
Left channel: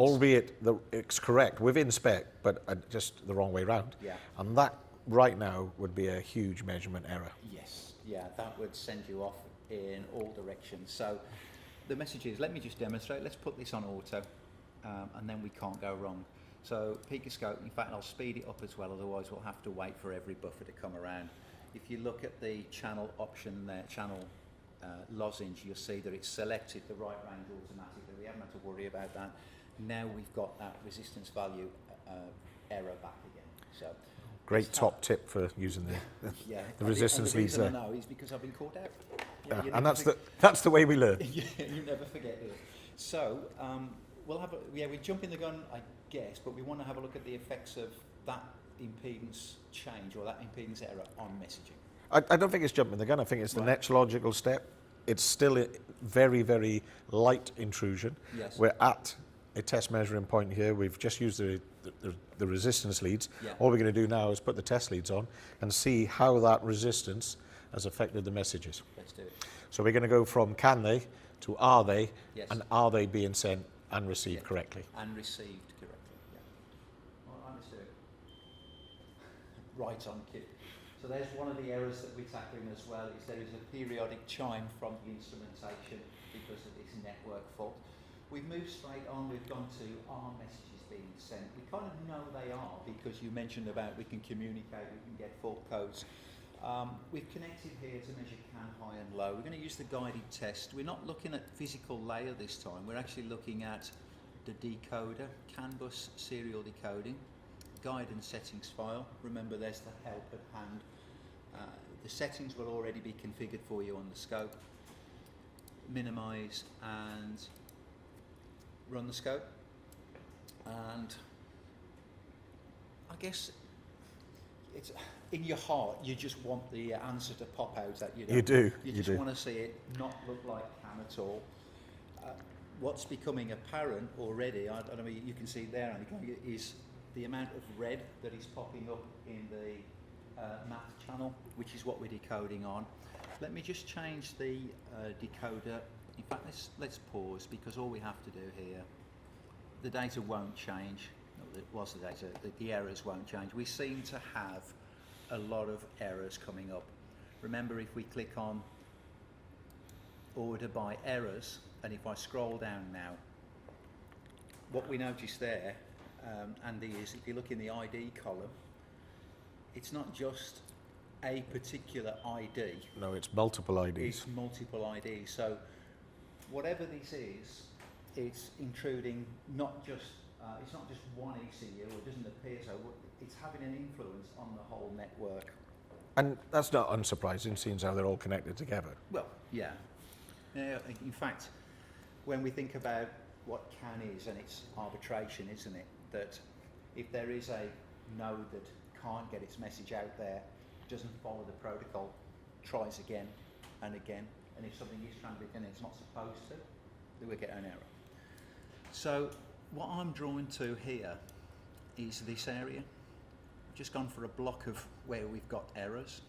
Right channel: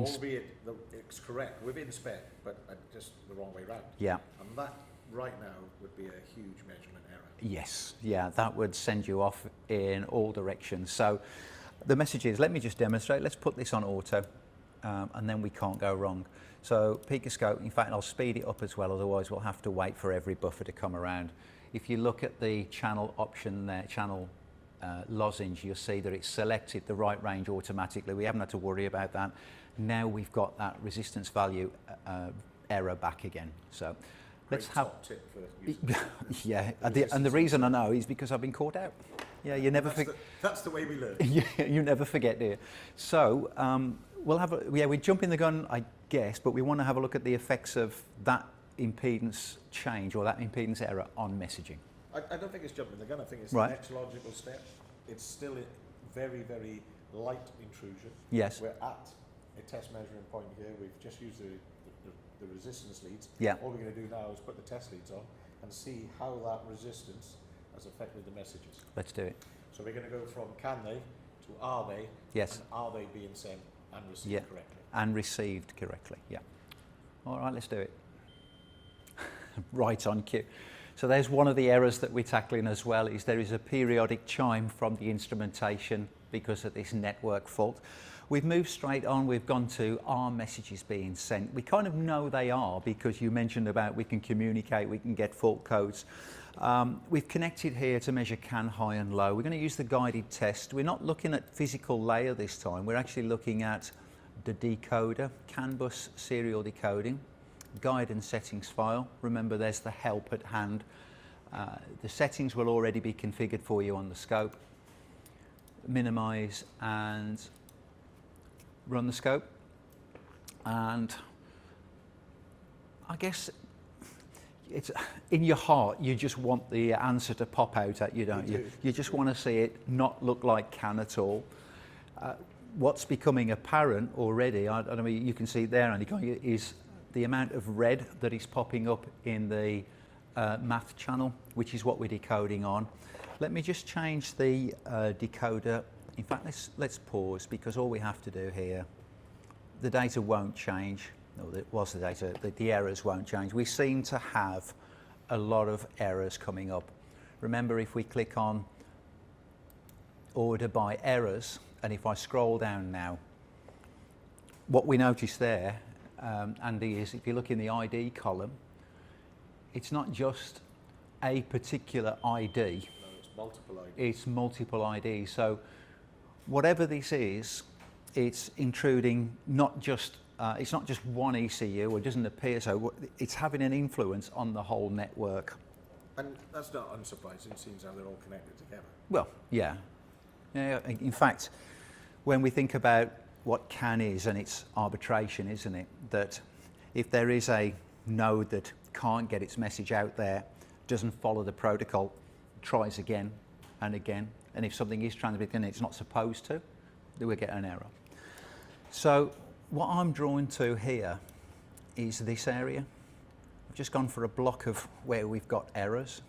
albeit it's correct within spec, but just the wrong way round. Yeah. And that right now would be a huge measurement error. Yes. Yeah, that would send you off in all directions. So the message is, let me just demonstrate. Let's put this on auto, and then we can't go wrong. So PicoScope, in fact, I'll speed it up as well, otherwise we'll have to wait for every buffer to come around. If you look at the channel option there, channel lozenge, you'll see that it's selected the right range automatically. We haven't had to worry about that. Now we've got that resistance value error back again. So great top tip for using that. Yeah, and the reason I know is because I've been caught out. Yeah, you never that's the way we learn. Yeah, you never forget, do you? So we'll have we jump in the gun, I guess, but we want to have a look at the effects of that impedance change or that impedance error on messaging. I don't think it's jumping the gun. I think it's the next logical step. It's still a very, very light intrusion. Yes. We're at a test measuring point here. We've just used the resistance leads. Yeah. All we're going to do now is put the test leads on and see how that resistance has affected the messages. Let's do it. So we're going to go from can they to are they, yes, and are they being sent and received correctly? And received correctly, yeah. All right, let's do it. Right on cue. So there's one of the errors that we're tackling as well, is there is a periodic chime from the instrumentation because of this network fault. We've moved straight on, we've gone to are messages being sent. We kind of know they are because you mentioned about we can communicate, we can get fault codes. We've connected here to measure CAN high and low. We're going to use the guided test. We're not looking at physical layer this time, we're actually looking at the decoder, CAN bus serial decoding, guide and settings file. Remember there's the help at hand. The settings will already be configured for you on the scope. Minimize and run the scope. And I guess it's in your heart, you just want the answer to pop out at you, don't you? You do. You just want to see it not look like CAN at all. What's becoming apparent already, I don't know, you can see there, Andy, is the amount of red that is popping up in the math channel, which is what we're decoding on. Let me just change the decoder. In fact, let's pause, because all we have to do here, the data won't change. No, it was the data, the errors won't change. We seem to have a lot of errors coming up. Remember, if we click on order by errors, and if I scroll down now, what we notice there, Andy, is if you look in the ID column, it's not just a particular ID. No, it's multiple IDs. It's multiple IDs. So whatever this is, it's intruding it's not just one ECU, or it doesn't appear so. It's having an influence on the whole network. And that's not unsurprising, seeing how they're all connected together. Well, yeah. In fact, when we think about what CAN is, and it's arbitration, isn't it? That if there is a node that can't get its message out there, doesn't follow the protocol, tries again and again, and if something is transmitted and it's not supposed to, then we get an error. So what I'm drawn to here is this area. I've just gone for a block of where we've got errors,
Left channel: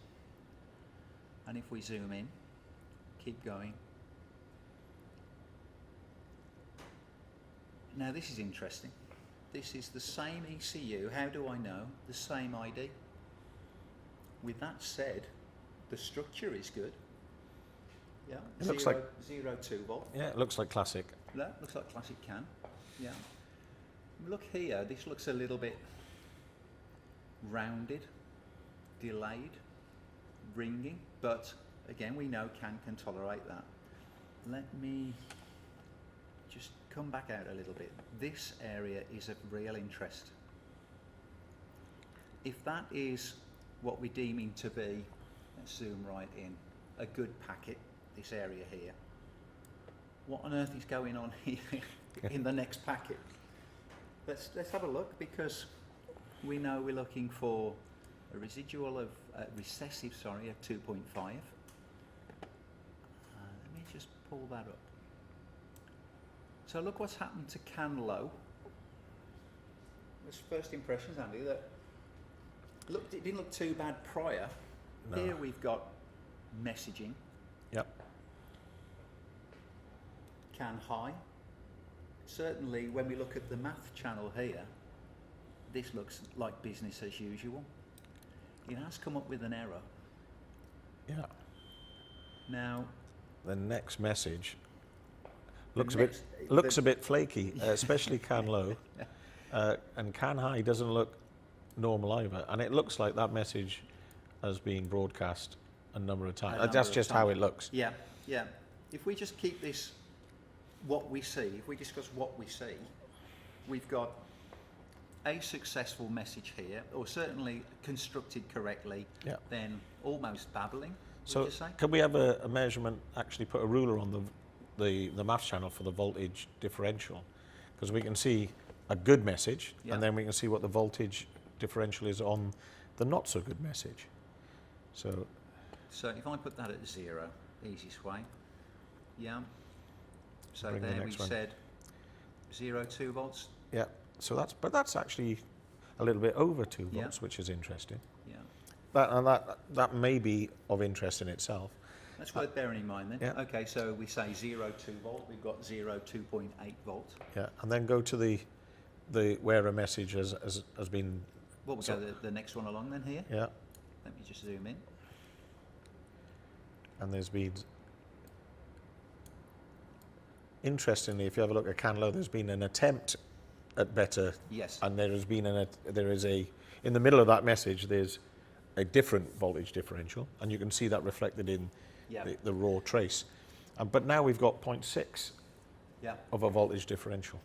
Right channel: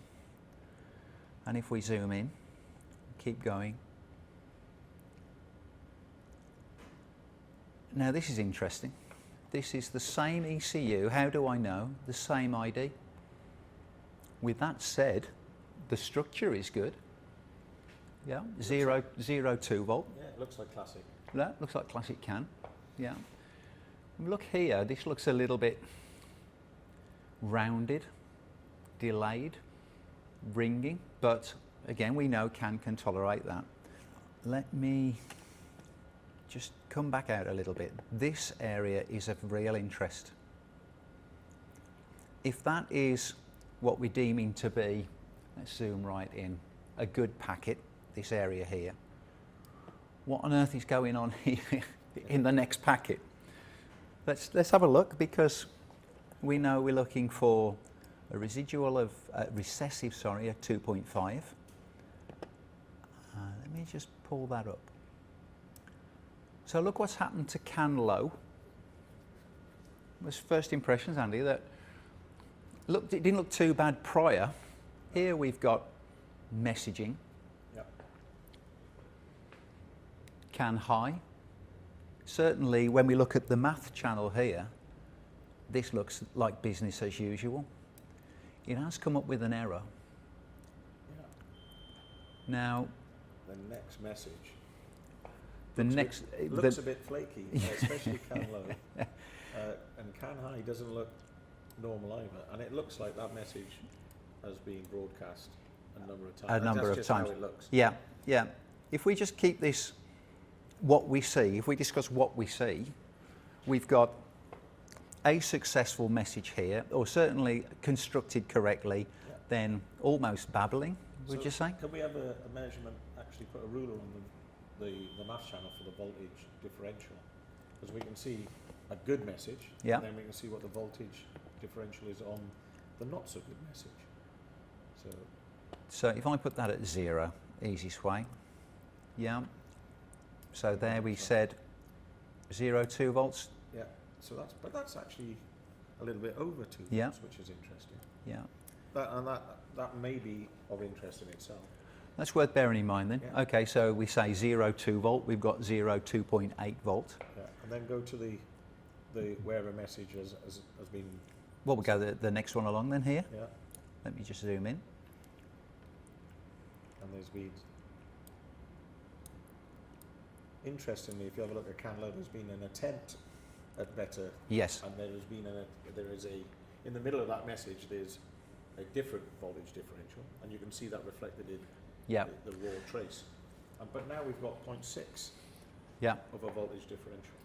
and if we zoom in, keep going. Now this is interesting. This is the same ECU. How do I know? The same ID. With that said, the structure is good. Yeah, 2 volt. Yeah, it looks like classic. That looks like classic CAN. Yeah. Look here, this looks a little bit rounded, delayed, ringing, but again, we know CAN can tolerate that. Let me just come back out a little bit. This area is of real interest. If that is what we're deeming to be, let's zoom right in, a good packet, this area here, what on earth is going on here in the next packet? Let's have a look, because we know we're looking for a residual of recessive, sorry, at 2.5. Let me just pull that up. So look what's happened to CAN low. Was first impressions, Andy, that it didn't look too bad prior. No. Here we've got messaging. Yep. CAN high. Certainly when we look at the math channel here, this looks like business as usual. It has come up with an error. Yeah. Now, the next message looks a bit flaky, especially CAN low. And CAN high doesn't look normal either. And it looks like that message has been broadcast a number of times. That's just how it looks. Yeah, yeah. If we just keep this, what we see, if we discuss what we see, we've got a successful message here, or certainly constructed correctly, then almost babbling, would you say? Could we have a measurement, actually put a ruler on the maths channel for the voltage differential? Because we can see a good message, and then we can see what the voltage differential is on the not so good message. So if I put that at 0, easiest way, yeah. So there we said 0.2 volts. Yeah. So that's actually a little bit over 2 volts, which is interesting. Yeah. That may be of interest in itself. That's worth bearing in mind then. Yeah. Okay, so we say 0.2 volt, we've got 2.8 volt. Yeah, and then go to the where a message has been. Well, we'll go the next one along then here. Yeah. Let me just zoom in. And there's been, interestingly, if you have a look at CAN low, there's been an attempt at better. Yes. And there is in the middle of that message, there's a different voltage differential, and you can see that reflected in the raw trace. But now we've got 0.6 of a voltage differential.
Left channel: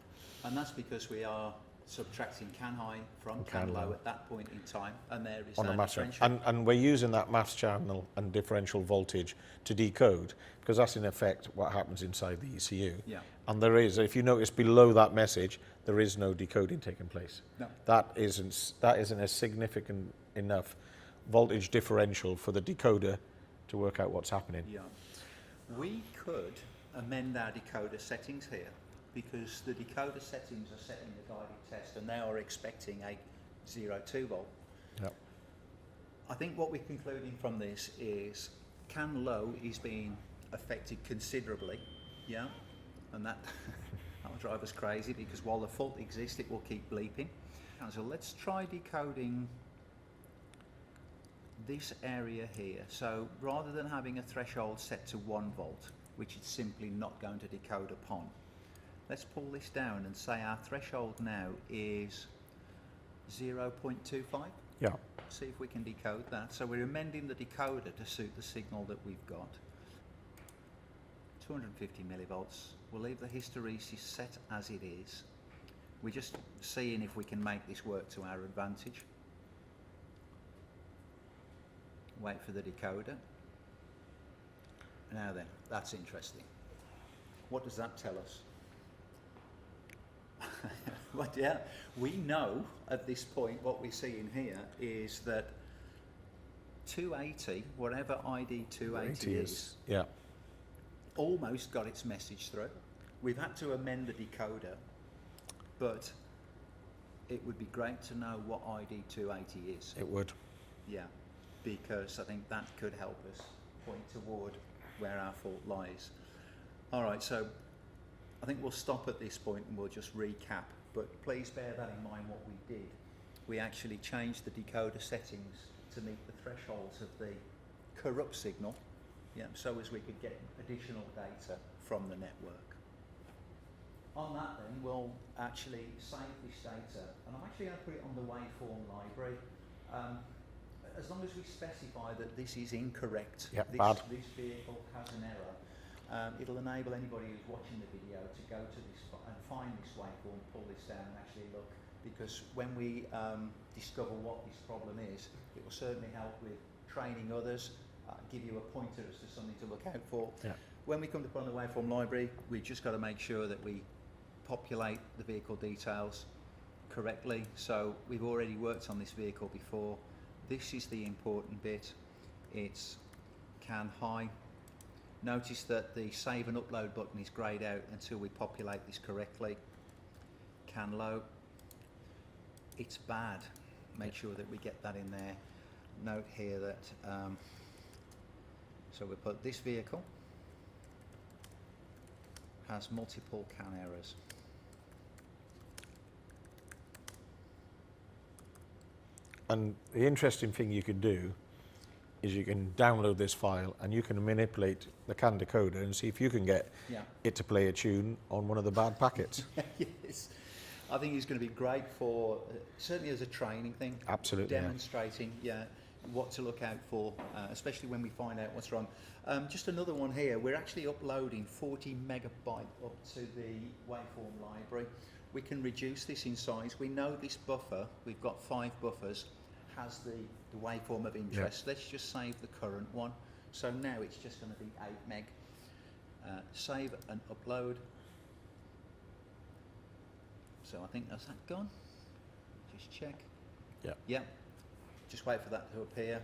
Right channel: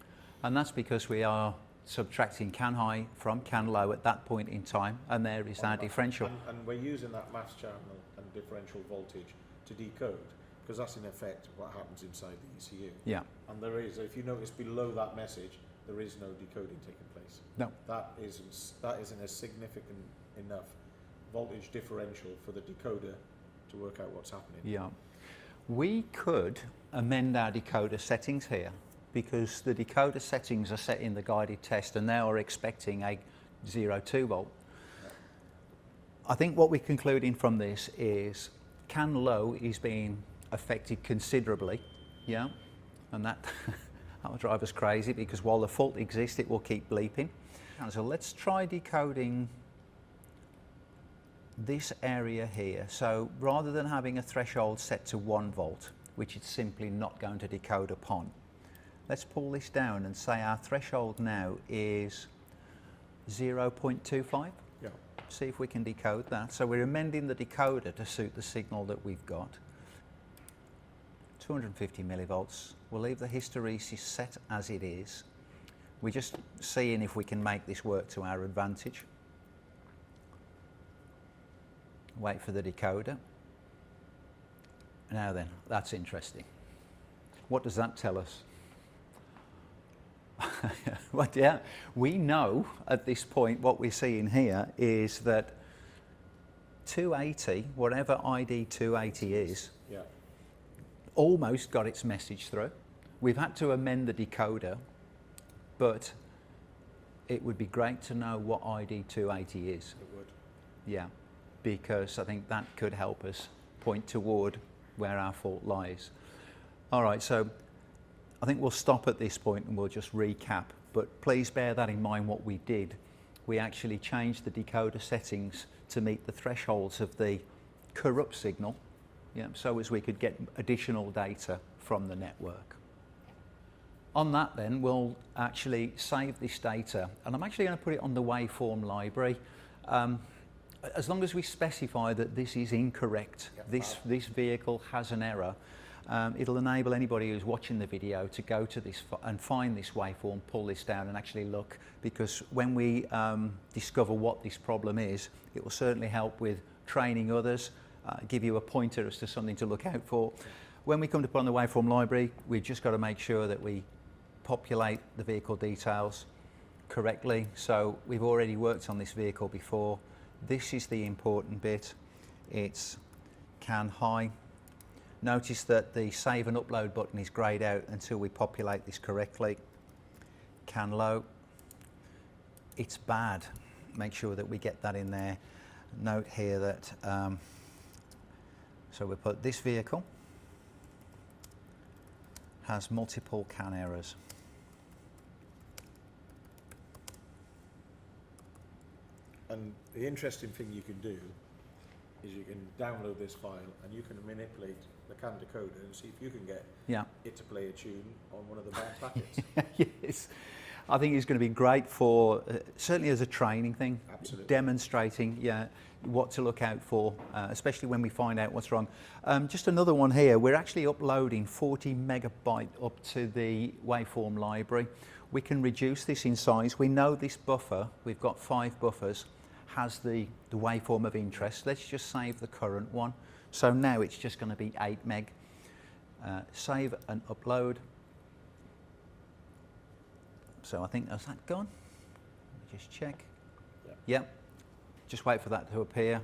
And that's because we are subtracting CAN high from CAN low at that point in time, and there is our differential. And we're using that maths channel and differential voltage to decode, because that's in effect what happens inside the ECU. Yeah. And there is, if you notice below that message, there is no decoding taking place. No. That isn't a significant enough voltage differential for the decoder to work out what's happening. Yeah. We could amend our decoder settings here, because the decoder settings are set in the guided test, and they are expecting a 0.2 volt. Yep. I think what we're concluding from this is CAN low is being affected considerably, and that will drive us crazy, because while the fault exists, it will keep bleeping. And so let's try decoding this area here. So rather than having a threshold set to 1 volt, which it's simply not going to decode upon, let's pull this down and say our threshold now is 0.25. Yeah. See if we can decode that. So we're amending the decoder to suit the signal that we've got. 250 millivolts. We'll leave the hysteresis set as it is. We're just seeing if we can make this work to our advantage. Wait for the decoder. Now then, that's interesting. What does that tell us? Well, yeah, we know at this point what we're seeing here is that 280, whatever ID 280 is, yeah, almost got its message through. We've had to amend the decoder, but it would be great to know what ID 280 is. it would. Yeah, because I think that could help us point toward where our fault lies. All right, so I think we'll stop at this point and we'll just recap, but please bear that in mind what we did. We actually changed the decoder settings to meet the thresholds of the corrupt signal, yeah, so as we could get additional data from the network. On that then, we'll actually save this data, and I'm actually going to put it on the waveform library. As long as we specify that this is incorrect, Yep, this vehicle has an error, it'll enable anybody who's watching the video to go to this and find this waveform, pull this down and actually look, because when we discover what this problem is, it will certainly help with training others, give you a pointer as to something to look out for. Yeah. When we come to put on the waveform library, we've just got to make sure that we populate the vehicle details correctly. So we've already worked on this vehicle before. This is the important bit. It's CAN high. Notice that the save and upload button is greyed out until we populate this correctly. CAN low. It's bad. Make sure that we get that in there. Note here that, so we put this vehicle has multiple CAN errors. And the interesting thing you can do is you can download this file and you can manipulate the CAN decoder and see if you can get it to play a tune on one of the bad packets. Yes, I think it's going to be great for, certainly as a training thing. Absolutely. Demonstrating, what to look out for, especially when we find out what's wrong. Just another one here, we're actually uploading 40 megabyte up to the waveform library. We can reduce this in size. We know this buffer, we've got 5 buffers, has the waveform of interest. Let's just save the current one. So now it's just going to be 8 meg. Save and upload. So I think that's that gone. Just check. Yeah. Yep. Just wait for that to appear.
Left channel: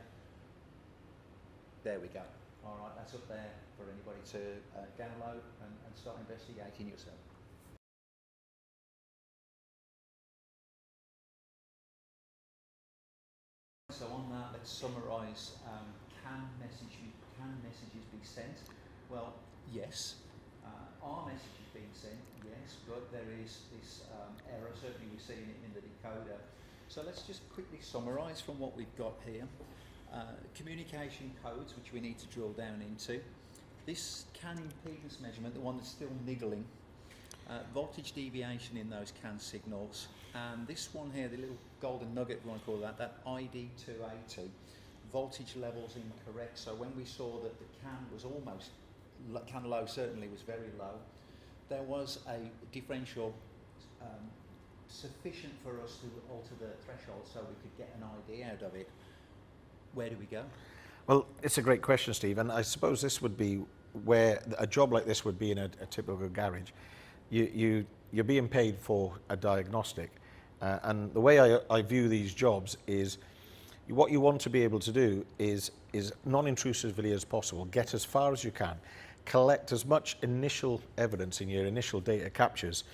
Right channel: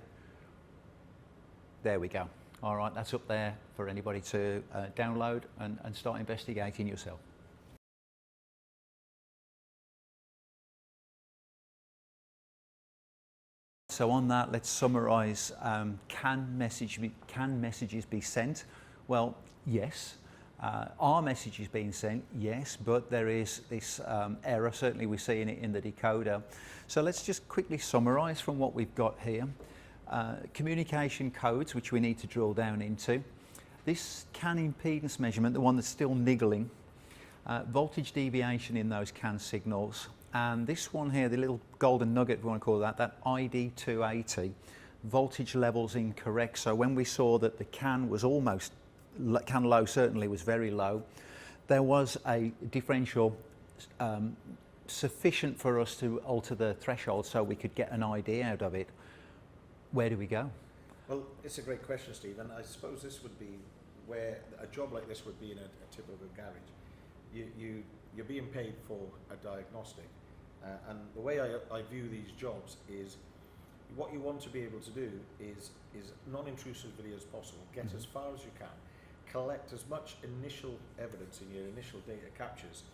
There we go. All right, that's up there for anybody to download and start investigating yourself. So on that, let's summarise. Can messages be sent? Well, yes. Are messages being sent? Yes, but there is this error. Certainly we're seeing it in the decoder. So let's just quickly summarise from what we've got here. Communication codes, which we need to drill down into. This CAN impedance measurement, the one that's still niggling. Voltage deviation in those CAN signals. And this one here, the little golden nugget, if we want to call that ID 280, voltage levels incorrect. So when we saw that the CAN was almost, CAN low certainly was very low, there was a differential sufficient for us to alter the threshold so we could get an ID out of it. Where do we go? Well, it's a great question, Steve, and I suppose this would be where a job like this would be in a typical garage. You're being paid for a diagnostic, and the way I view these jobs is what you want to be able to do is non-intrusively as possible, get as far as you can, collect as much initial evidence in your initial data captures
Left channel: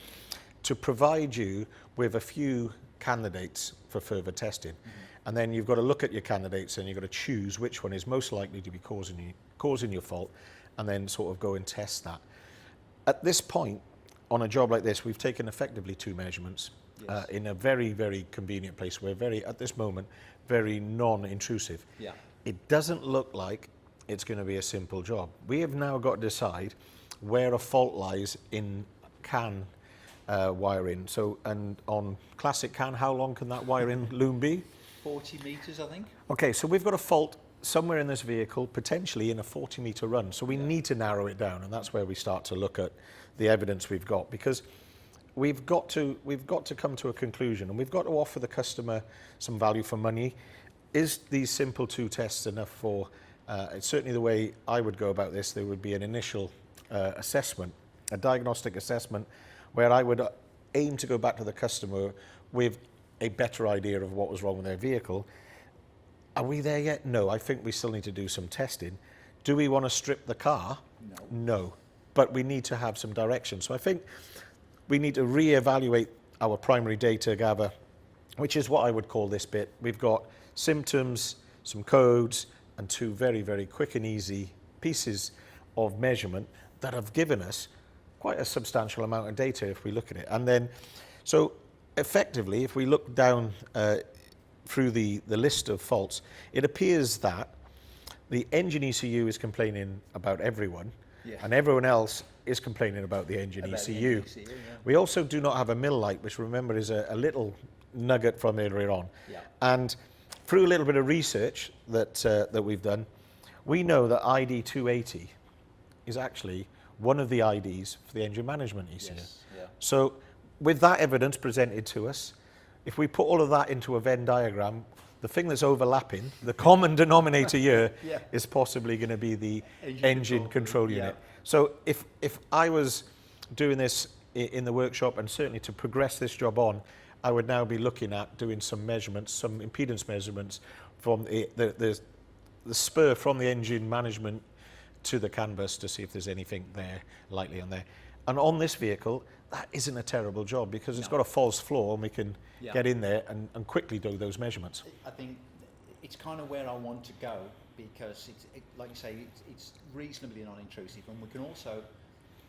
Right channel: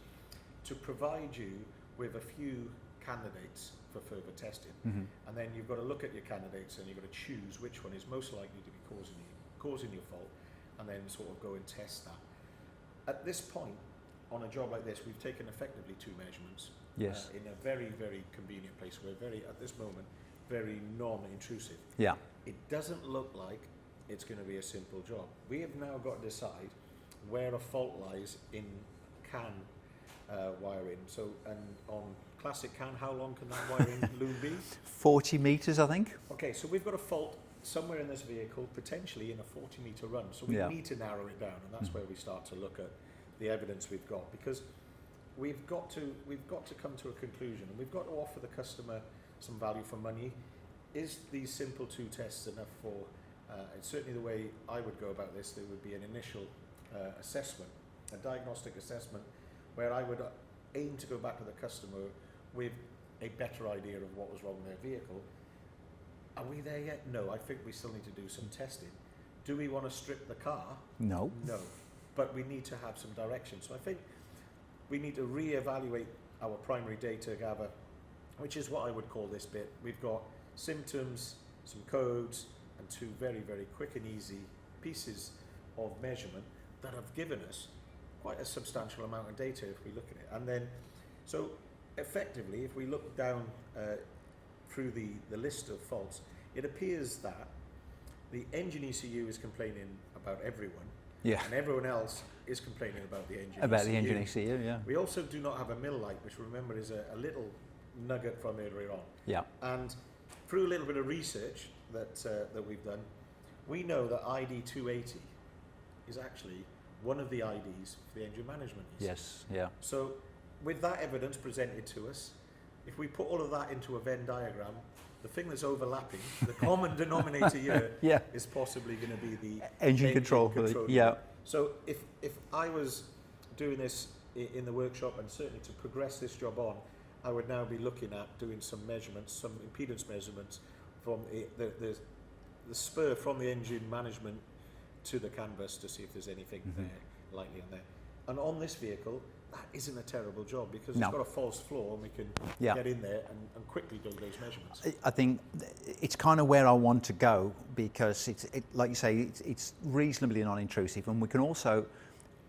to provide you with a few candidates for further testing. Mm-hmm. And then you've got to look at your candidates and you've got to choose which one is most likely to be causing your fault, and then sort of go and test that. At this point, on a job like this, we've taken effectively 2 measurements. Yes. In a very, very convenient place. We're at this moment, very non-intrusive. Yeah. it doesn't look like it's going to be a simple job. We have now got to decide where a fault lies in CAN wiring. So, and on classic CAN, how long can that wiring loom be? 40 metres, I think. Okay, so we've got a fault somewhere in this vehicle, potentially in a 40-metre run. So we Yeah. need to narrow it down, and that's where we start to look at the evidence we've got, because we've got to come to a conclusion, and we've got to offer the customer some value for money. Is these simple 2 tests enough for? Certainly, the way I would go about this, there would be an initial assessment, a diagnostic assessment, where I would aim to go back to the customer with a better idea of what was wrong with their vehicle. Are we there yet? No, I think we still need to do some testing. Do we want to strip the car? No. No, but we need to have some direction. So I think we need to re-evaluate our primary data gather, which is what I would call this bit. We've got symptoms, some codes, and 2 very, very quick and easy pieces of measurement that have given us quite a substantial amount of data if we look at it. And then, so effectively, if we look down through the list of faults, it appears that the engine ECU is complaining about everyone, and everyone else is complaining about the engine ECU. The engine ECU, yeah. We also do not have a mill light, which remember is a little nugget from earlier on. Yeah. And through a little bit of research that we've done, we know that ID 280 is actually one of the IDs for the engine management ECU. Yes, yeah. So with that evidence presented to us, if we put all of that into a Venn diagram, the thing that's overlapping, the common denominator here, Yeah. is possibly going to be the Engine control unit. yeah. So if I was doing this in the workshop, and certainly to progress this job on, I would now be looking at doing some measurements, some impedance measurements from the spur from the engine management to the canvas to see if there's anything there, likely on there. And on this vehicle, that isn't a terrible job, because it's got a false floor, and we can get in there and quickly do those measurements. I think it's kind of where I want to go, because like you say, it's reasonably non-intrusive, and we can also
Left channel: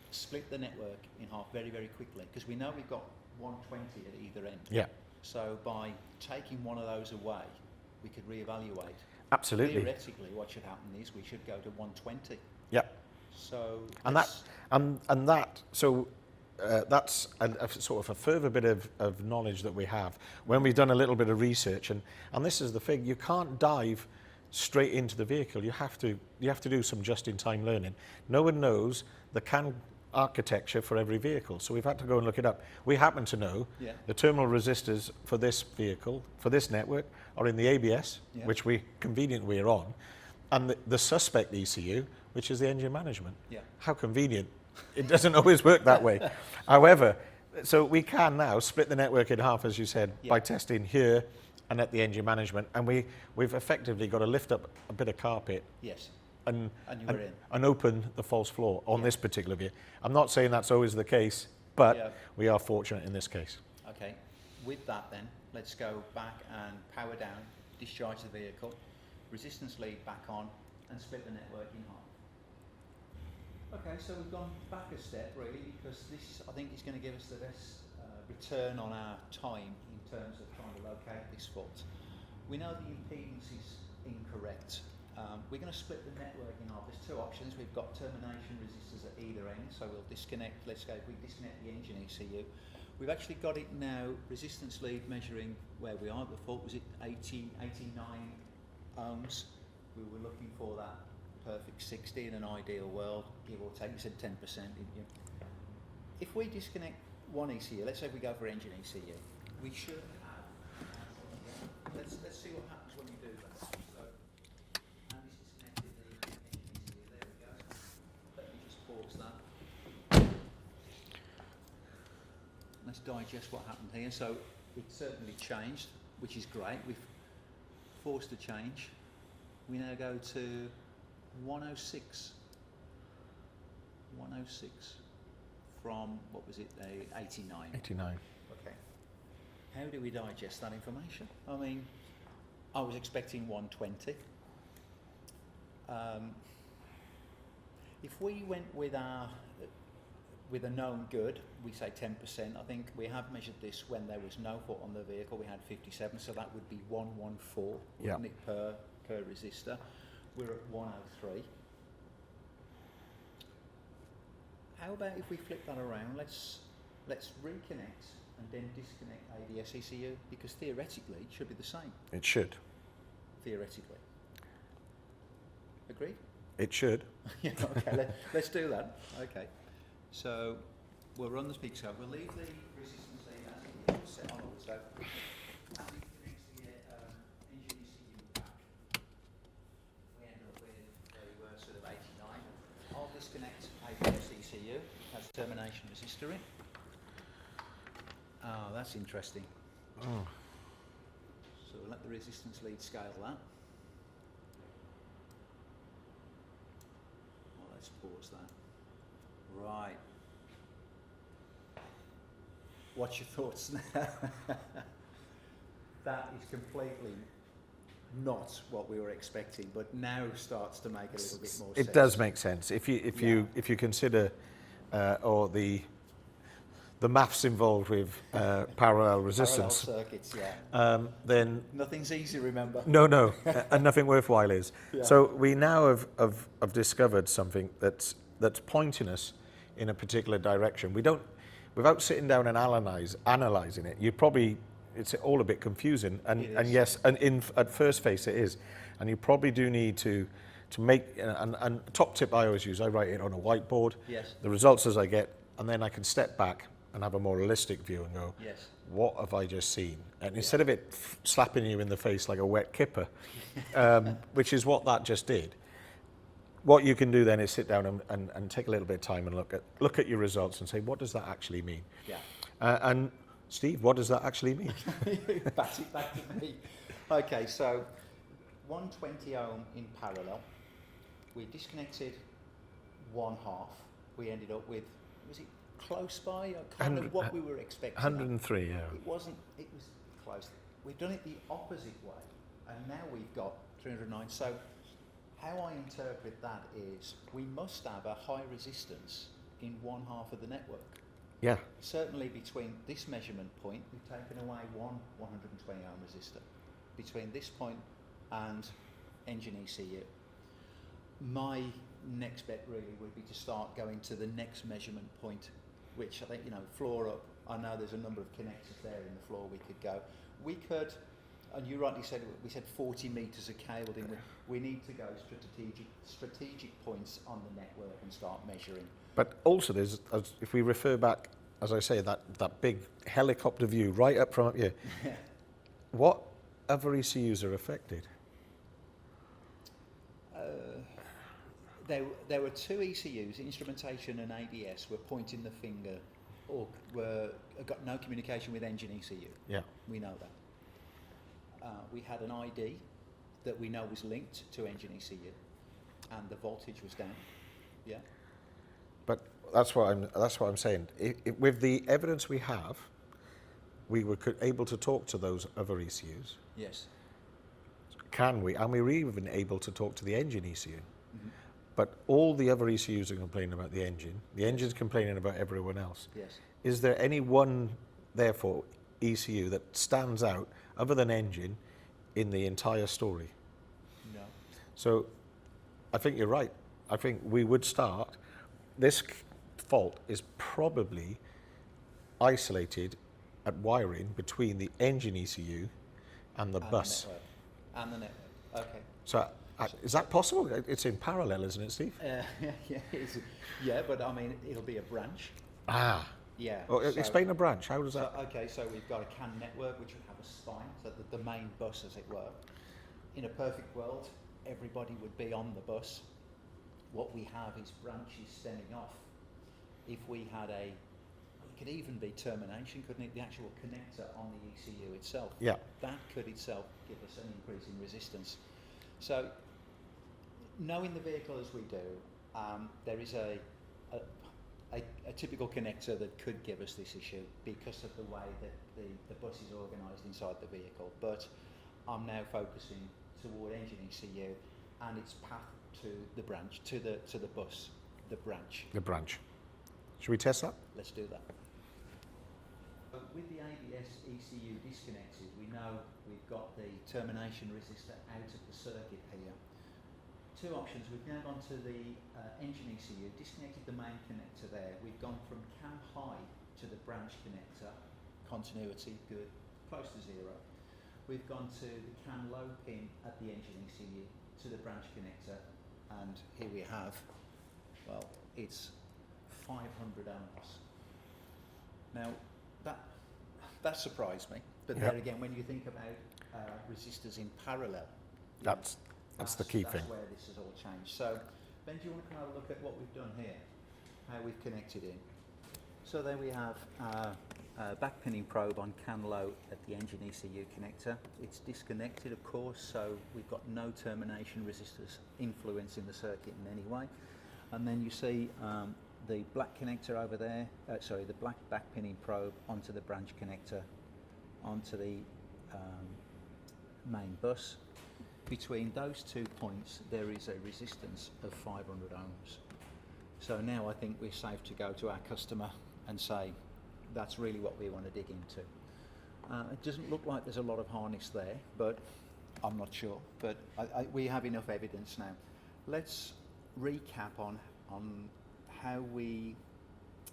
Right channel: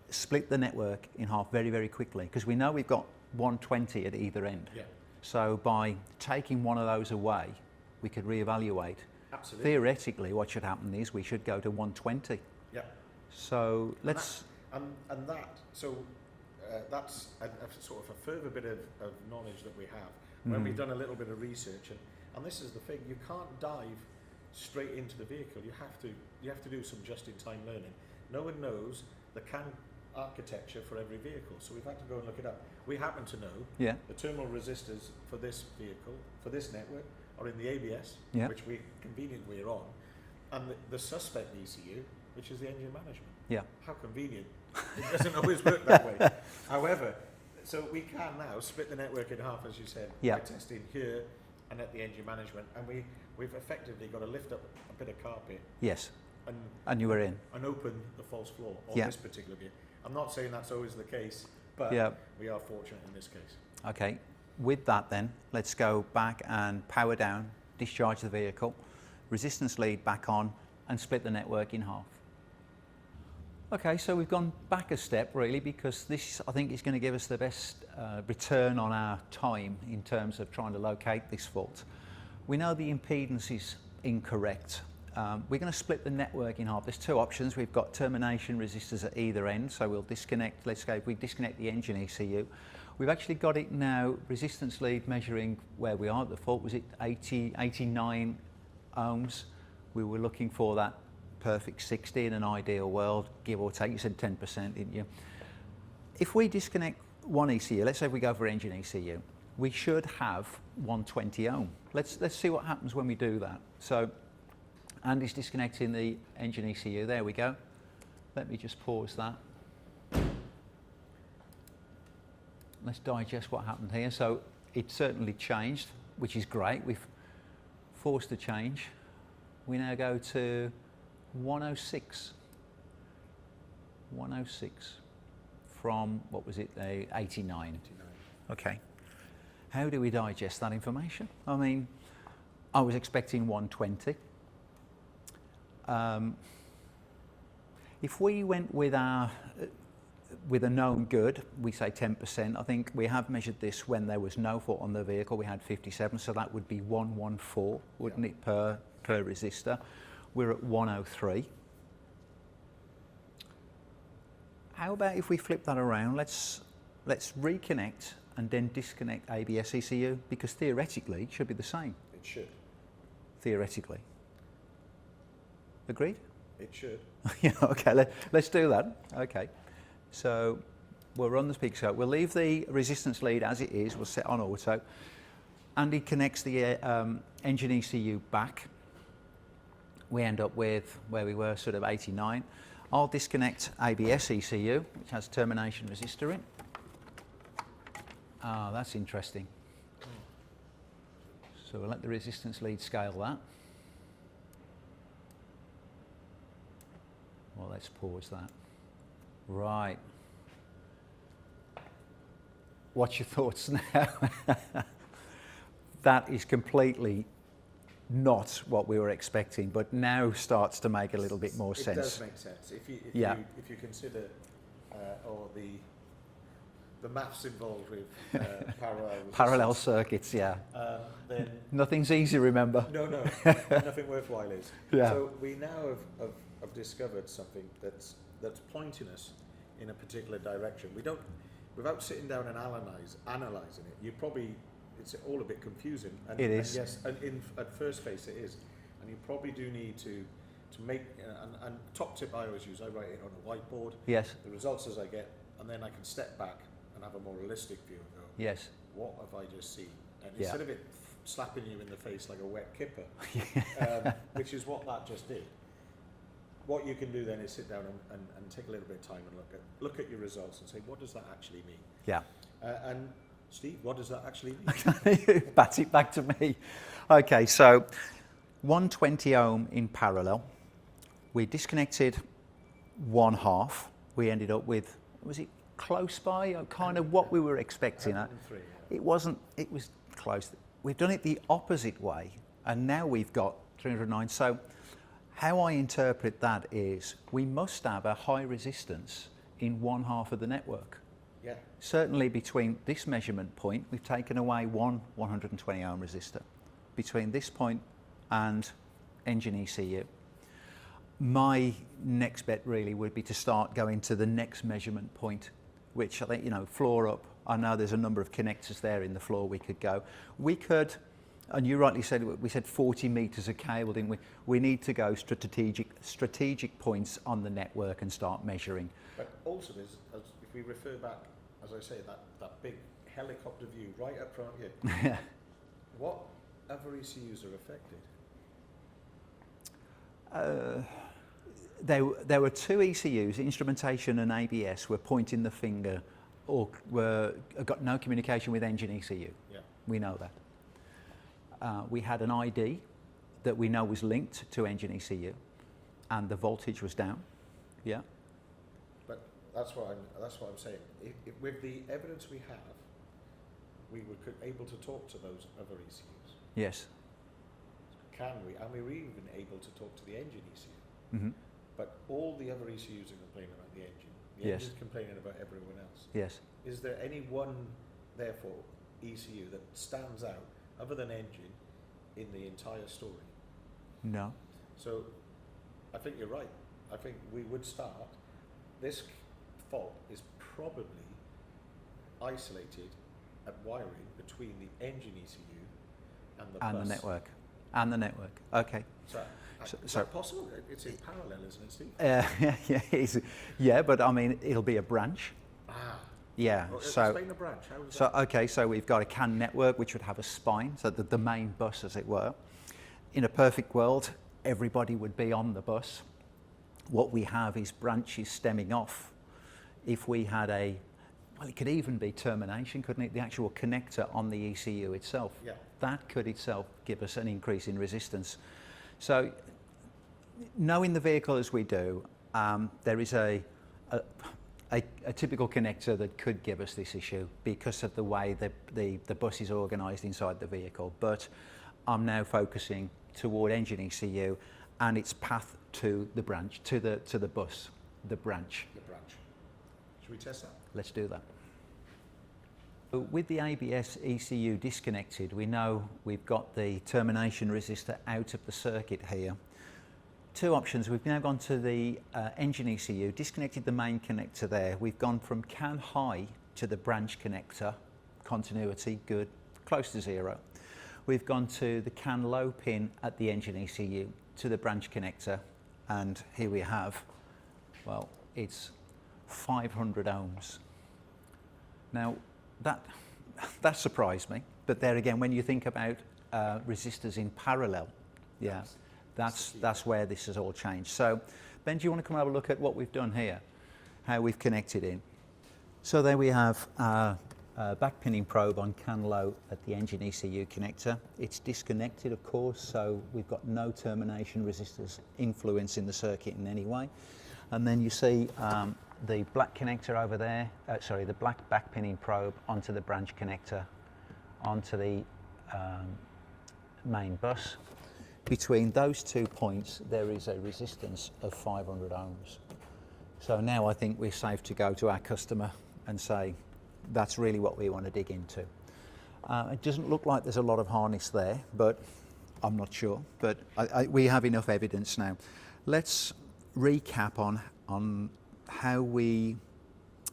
split the network in half very, very quickly, because we know we've got 120 at either end. Yeah. So by taking one of those away, we could reevaluate. Absolutely. Theoretically, what should happen is we should go to 120. Yeah. So that's a sort of a further bit of knowledge that we have when we've done a little bit of research, and this is the thing, you can't dive straight into the vehicle. You have to do some just-in-time learning. No one knows the CAN architecture for every vehicle, so we've had to go and look it up. We happen to know the terminal resistors for this vehicle, for this network, are in the ABS, which we conveniently are on, and the suspect ECU, which is the engine management. Yeah. How convenient. It doesn't always work that way. However, so we can now split the network in half, as you said, by testing here and at the engine management, and we've effectively got to lift up a bit of carpet. Yes. And you were in. And open the false floor on this particular vehicle. I'm not saying that's always the case, but we are fortunate in this case. Okay. With that then, let's go back and power down, discharge the vehicle, resistance lead back on, and split the network in half. Okay, so we've gone back a step really, because this, I think, is going to give us the best return on our time in terms of trying to locate this fault. We know the impedance is incorrect. We're going to split the network in half. There's 2 options. We've got termination resistors at either end, so we'll disconnect. Let's go, if we disconnect the engine ECU, we've actually got it now, resistance lead measuring where we are at the fault. Was it 89 ohms? We were looking for that perfect 60 in an ideal world, give or take. You said 10%, didn't you? If we disconnect one ECU, let's say we go for engine ECU, we should have 120 ohm. Let's see what happens when we do that. So Andy's disconnecting the engine ECU. There we go. Let me just pause that. Let's digest what happened here. So it certainly changed, which is great. We've forced a change. We now go to 106. 106 from, what was it, 89? 89. Okay. How do we digest that information? I mean, I was expecting 120. If we went with a known good, we say 10%. I think we have measured this when there was no fault on the vehicle. We had 57, so that would be 114, wouldn't it, per per resistor. We're at 103. How about if we flip that around? Let's reconnect and then disconnect ABS ECU, because theoretically it should be the same. It should. Theoretically. Agreed? It should. Yeah, okay, let's do that. Okay, so we'll run the PicoScope. We'll leave the resistance lead as it is. We'll set on auto. Andy connects the engine ECU back. We end up with where we were, sort of 89. I'll disconnect ABS ECU. It has termination resistor in. Oh, that's interesting. Oh. So we'll let the resistance lead scale that. Well, let's pause that. Right. What's your thoughts now? That is completely not what we were expecting, but now starts to make a little bit more sense. It does make sense if you consider or the maths involved with parallel resistance. Parallel circuits, yeah. Then nothing's easy, remember? No, and nothing worthwhile is. Yeah. So we now have discovered something that's pointing us in a particular direction. We don't, without sitting down and analysing it, it's all a bit confusing. And yes, and at first face it is. And you probably do need to make, and top tip I always use, I write it on a whiteboard. Yes. The results as I get, and then I can step back and have a more realistic view and go, yes, what have I just seen? And instead of it slapping you in the face like a wet kipper, which is what that just did, what you can do then is sit down and take a little bit of time and look at your results and say, what does that actually mean? Yeah. And Steve, what does that actually mean? Pass it back to me. Okay, so 120 ohm in parallel. We disconnected 1/2. We ended up with, was it close by? Kind of what we were expecting. 103, yeah. It wasn't, it was close. We've done it the opposite way, and now we've got 309. So how I interpret that is we must have a high resistance in 1/2 of the network. Yeah. Certainly between this measurement point, we've taken away one 120 ohm resistor. Between this point and engine ECU. My next bet really would be to start going to the next measurement point, which I think, floor up. I know there's a number of connectors there in the floor we could go. We could, and you rightly said, we said 40 meters of cable, didn't we? We need to go strategic points on the network and start measuring. But also there's, if we refer back, as I say, that big helicopter view right up front here, what other ECUs are affected? There were two ECUs, instrumentation and ABS, were pointing the finger or got no communication with engine ECU. Yeah. We know that. We had an ID that we know was linked to engine ECU, and the voltage was down. Yeah. But that's what I'm saying. With the evidence we have, we were able to talk to those other ECUs. Yes. Can we? And we were even able to talk to the engine ECU. Mm-hmm. But all the other ECUs are complaining about the engine. The Yes. engine's complaining about everyone else. Yes. Is there any one, therefore, ECU that stands out, other than engine, in the entire story? No. So I think you're right. I think we would start, this fault is probably isolated at wiring between the engine ECU and the bus. And the network. Okay. So is that possible? It's in parallel, isn't it, Steve? Yeah, but I mean, it'll be a branch. Ah. Yeah. Well, explain a branch. How does that? Okay, so we've got a CAN network which would have a spine, so the main bus, as it were. In a perfect world, everybody would be on the bus. What we have is branches stemming off. If we had well, it could even be termination, couldn't it? The actual connector on the ECU itself. Yeah. That could itself give us an increase in resistance. So, knowing the vehicle as we do, there is a typical connector that could give us this issue because of the way the bus is organised inside the vehicle. But I'm now focusing toward engine ECU and its path to the branch, to the bus, the branch. The branch. Should we test that? Let's do that. With the ABS ECU disconnected, we know we've got the termination resistor out of the circuit here. Two options. We've now gone to the engine ECU, disconnected the main connector there. We've gone from CAN high to the branch connector, continuity good, close to zero. We've gone to the CAN low pin at the engine ECU to the branch connector, and here we have, well, it's 500 ohms. Now that surprised me, but there again, when you think about resistors in parallel, that's the key thing. Where this has all changed. So Ben, do you want to come and have a look at what we've done here, how we've connected in? So there we have a backpinning probe on CAN low at the engine ECU connector. It's disconnected, of course, so we've got no termination resistors influencing the circuit in any way. And then you see the black connector over there, the black backpinning probe onto the branch connector, onto the main bus. Between those 2 points, there is a resistance of 500 ohms. So now I think we're safe to go to our customer and say, that's really what we want to dig into. It doesn't look like there's a lot of harness there, but I'm not sure. But we have enough evidence now. Let's recap on how we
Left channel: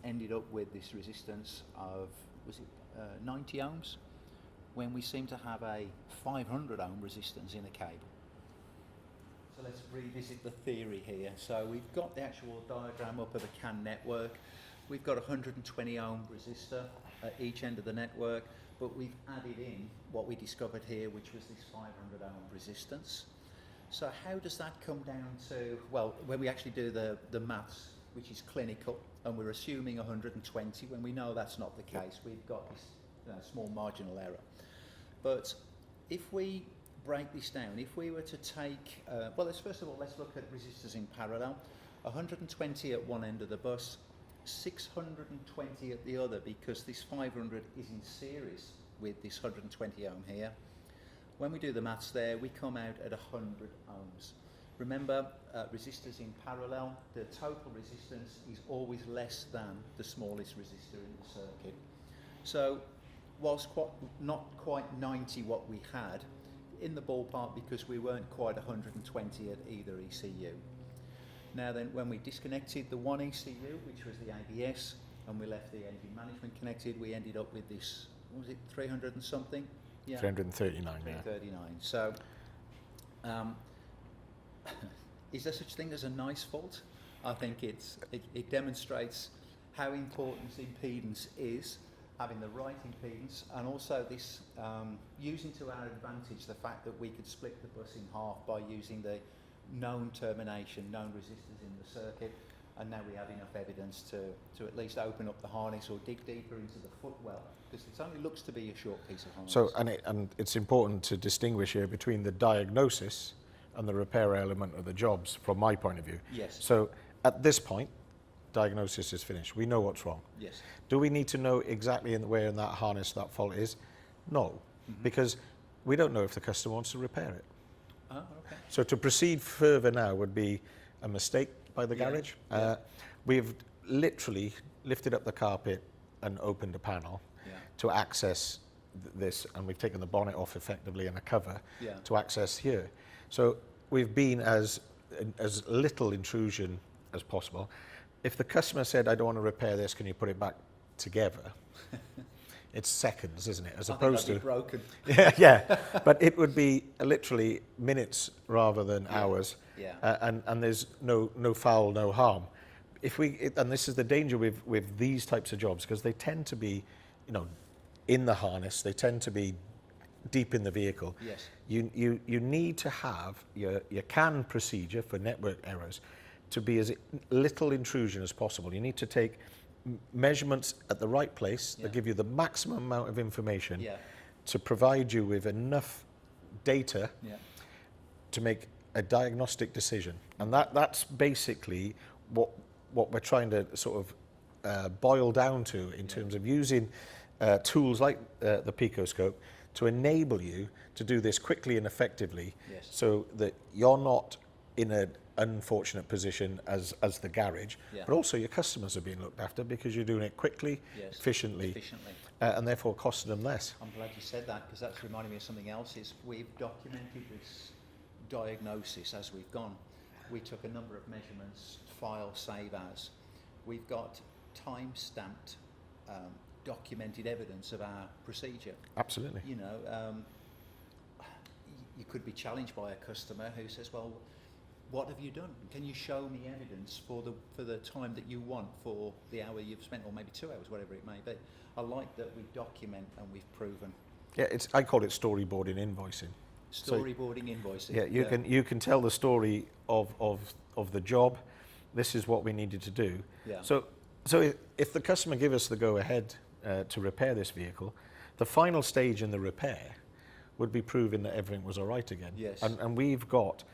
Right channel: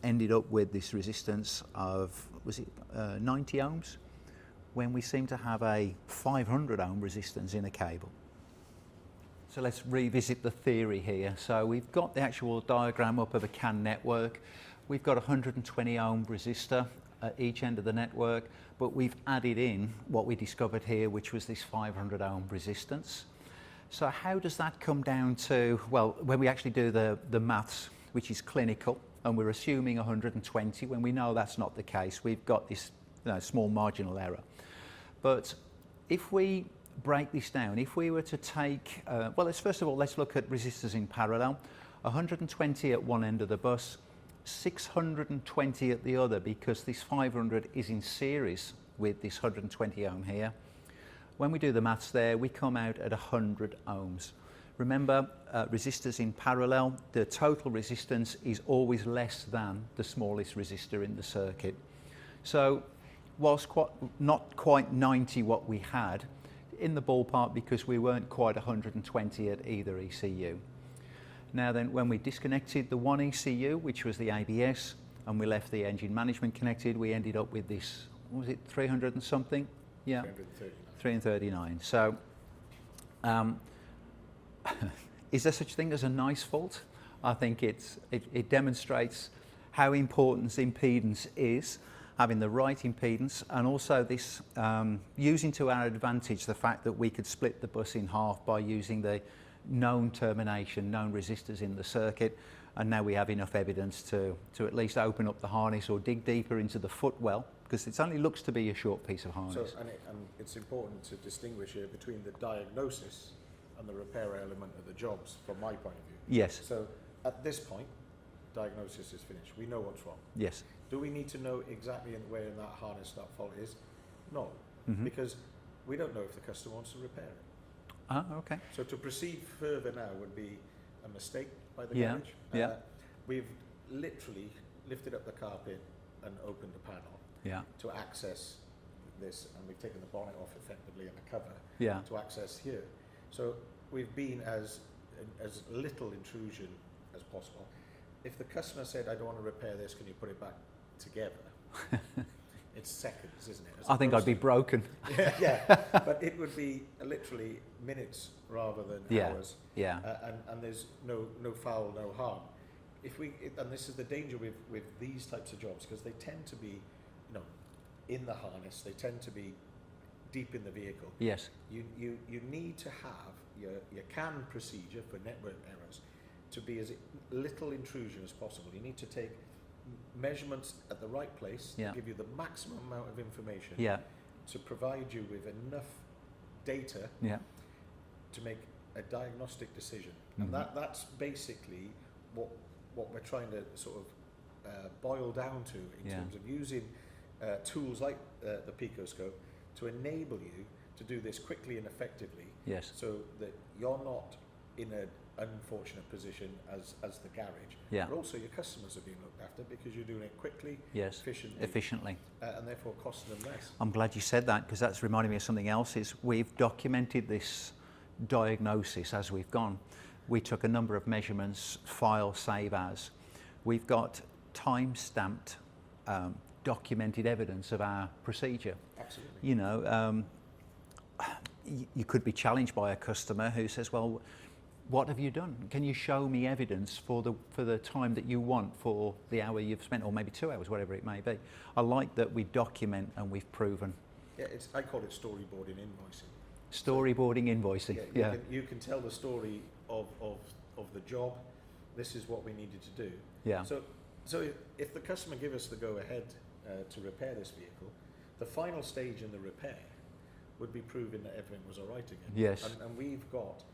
ended up with this resistance of, was it 90 ohms? When we seem to have a 500 ohm resistance in a cable. So let's revisit the theory here. So we've got the actual diagram up of a CAN network. We've got a 120 ohm resistor at each end of the network, but we've added in what we discovered here, which was this 500 ohm resistance. So how does that come down to, well, when we actually do the maths, which is clinical, and we're assuming 120, when we know that's not the case, we've got this small marginal error. But if we break this down, if we were to take, first of all, let's look at resistors in parallel. 120 at one end of the bus, 620 at the other, because this 500 is in series with this 120 ohm here. When we do the maths there, we come out at 100 ohms. Remember, resistors in parallel, the total resistance is always less than the smallest resistor in the circuit. So whilst not quite 90 what we had, in the ballpark because we weren't quite 120 at either ECU. Now then, when we disconnected the one ECU, which was the ABS, and we left the engine management connected, we ended up with this, what was it, 300 and something? Yeah. 339. 339. So, is there such thing as a nice fault? I think it demonstrates how important impedance is, having the right impedance, and also this using to our advantage the fact that we could split the bus in half by using the known termination, known resistors in the circuit, and now we have enough evidence to at least open up the harness or dig deeper into the footwell, because it only looks to be a short piece of harness. So, and it's important to distinguish here between the diagnosis and the repair element of the jobs, from my point of view. Yes. So at this point, diagnosis is finished. We know what's wrong. Yes. Do we need to know exactly where in that harness that fault is? No, because we don't know if the customer wants to repair it. Okay. So to proceed further now would be a mistake by the garage. We've literally lifted up the carpet and opened a panel to access this, and we've taken the bonnet off effectively and a cover to access here. So we've been as little intrusion as possible. If the customer said, I don't want to repair this, can you put it back together? It's seconds, isn't it? I think I'd be broken. Yeah, but it would be literally minutes rather than hours. Yeah. And there's no foul, no harm. And this is the danger with these types of jobs, because they tend to be, in the harness. They tend to be deep in the vehicle. Yes. You need to have your CAN procedure for network errors to be as little intrusion as possible. You need to take measurements at the right place that give you the maximum amount of information to provide you with enough data to make a diagnostic decision. And that's basically what we're trying to sort of boil down to in terms of using tools like the PicoScope to enable you to do this quickly and effectively, so that you're not in unfortunate position as the garage, Yeah. but also your customers are being looked after because you're doing it quickly, Yes. efficiently, and therefore costing them less. I'm glad you said that, because that's reminding me of something else. Is we've documented this diagnosis as we've gone. We took a number of measurements, file, save as. We've got time-stamped, documented evidence of our procedure. Absolutely. You know, you could be challenged by a customer who says, well, what have you done? Can you show me evidence for the time that you want, for the hour you've spent, or maybe 2 hours, whatever it may be? I like that we document and we've proven. Yeah, I call it storyboarding invoicing. Storyboarding invoicing. Yeah, you can tell the story of the job. This is what we needed to do. Yeah. So if the customer give us the go ahead to repair this vehicle, the final stage in the repair would be proving that everything was all right again. Yes. And we've got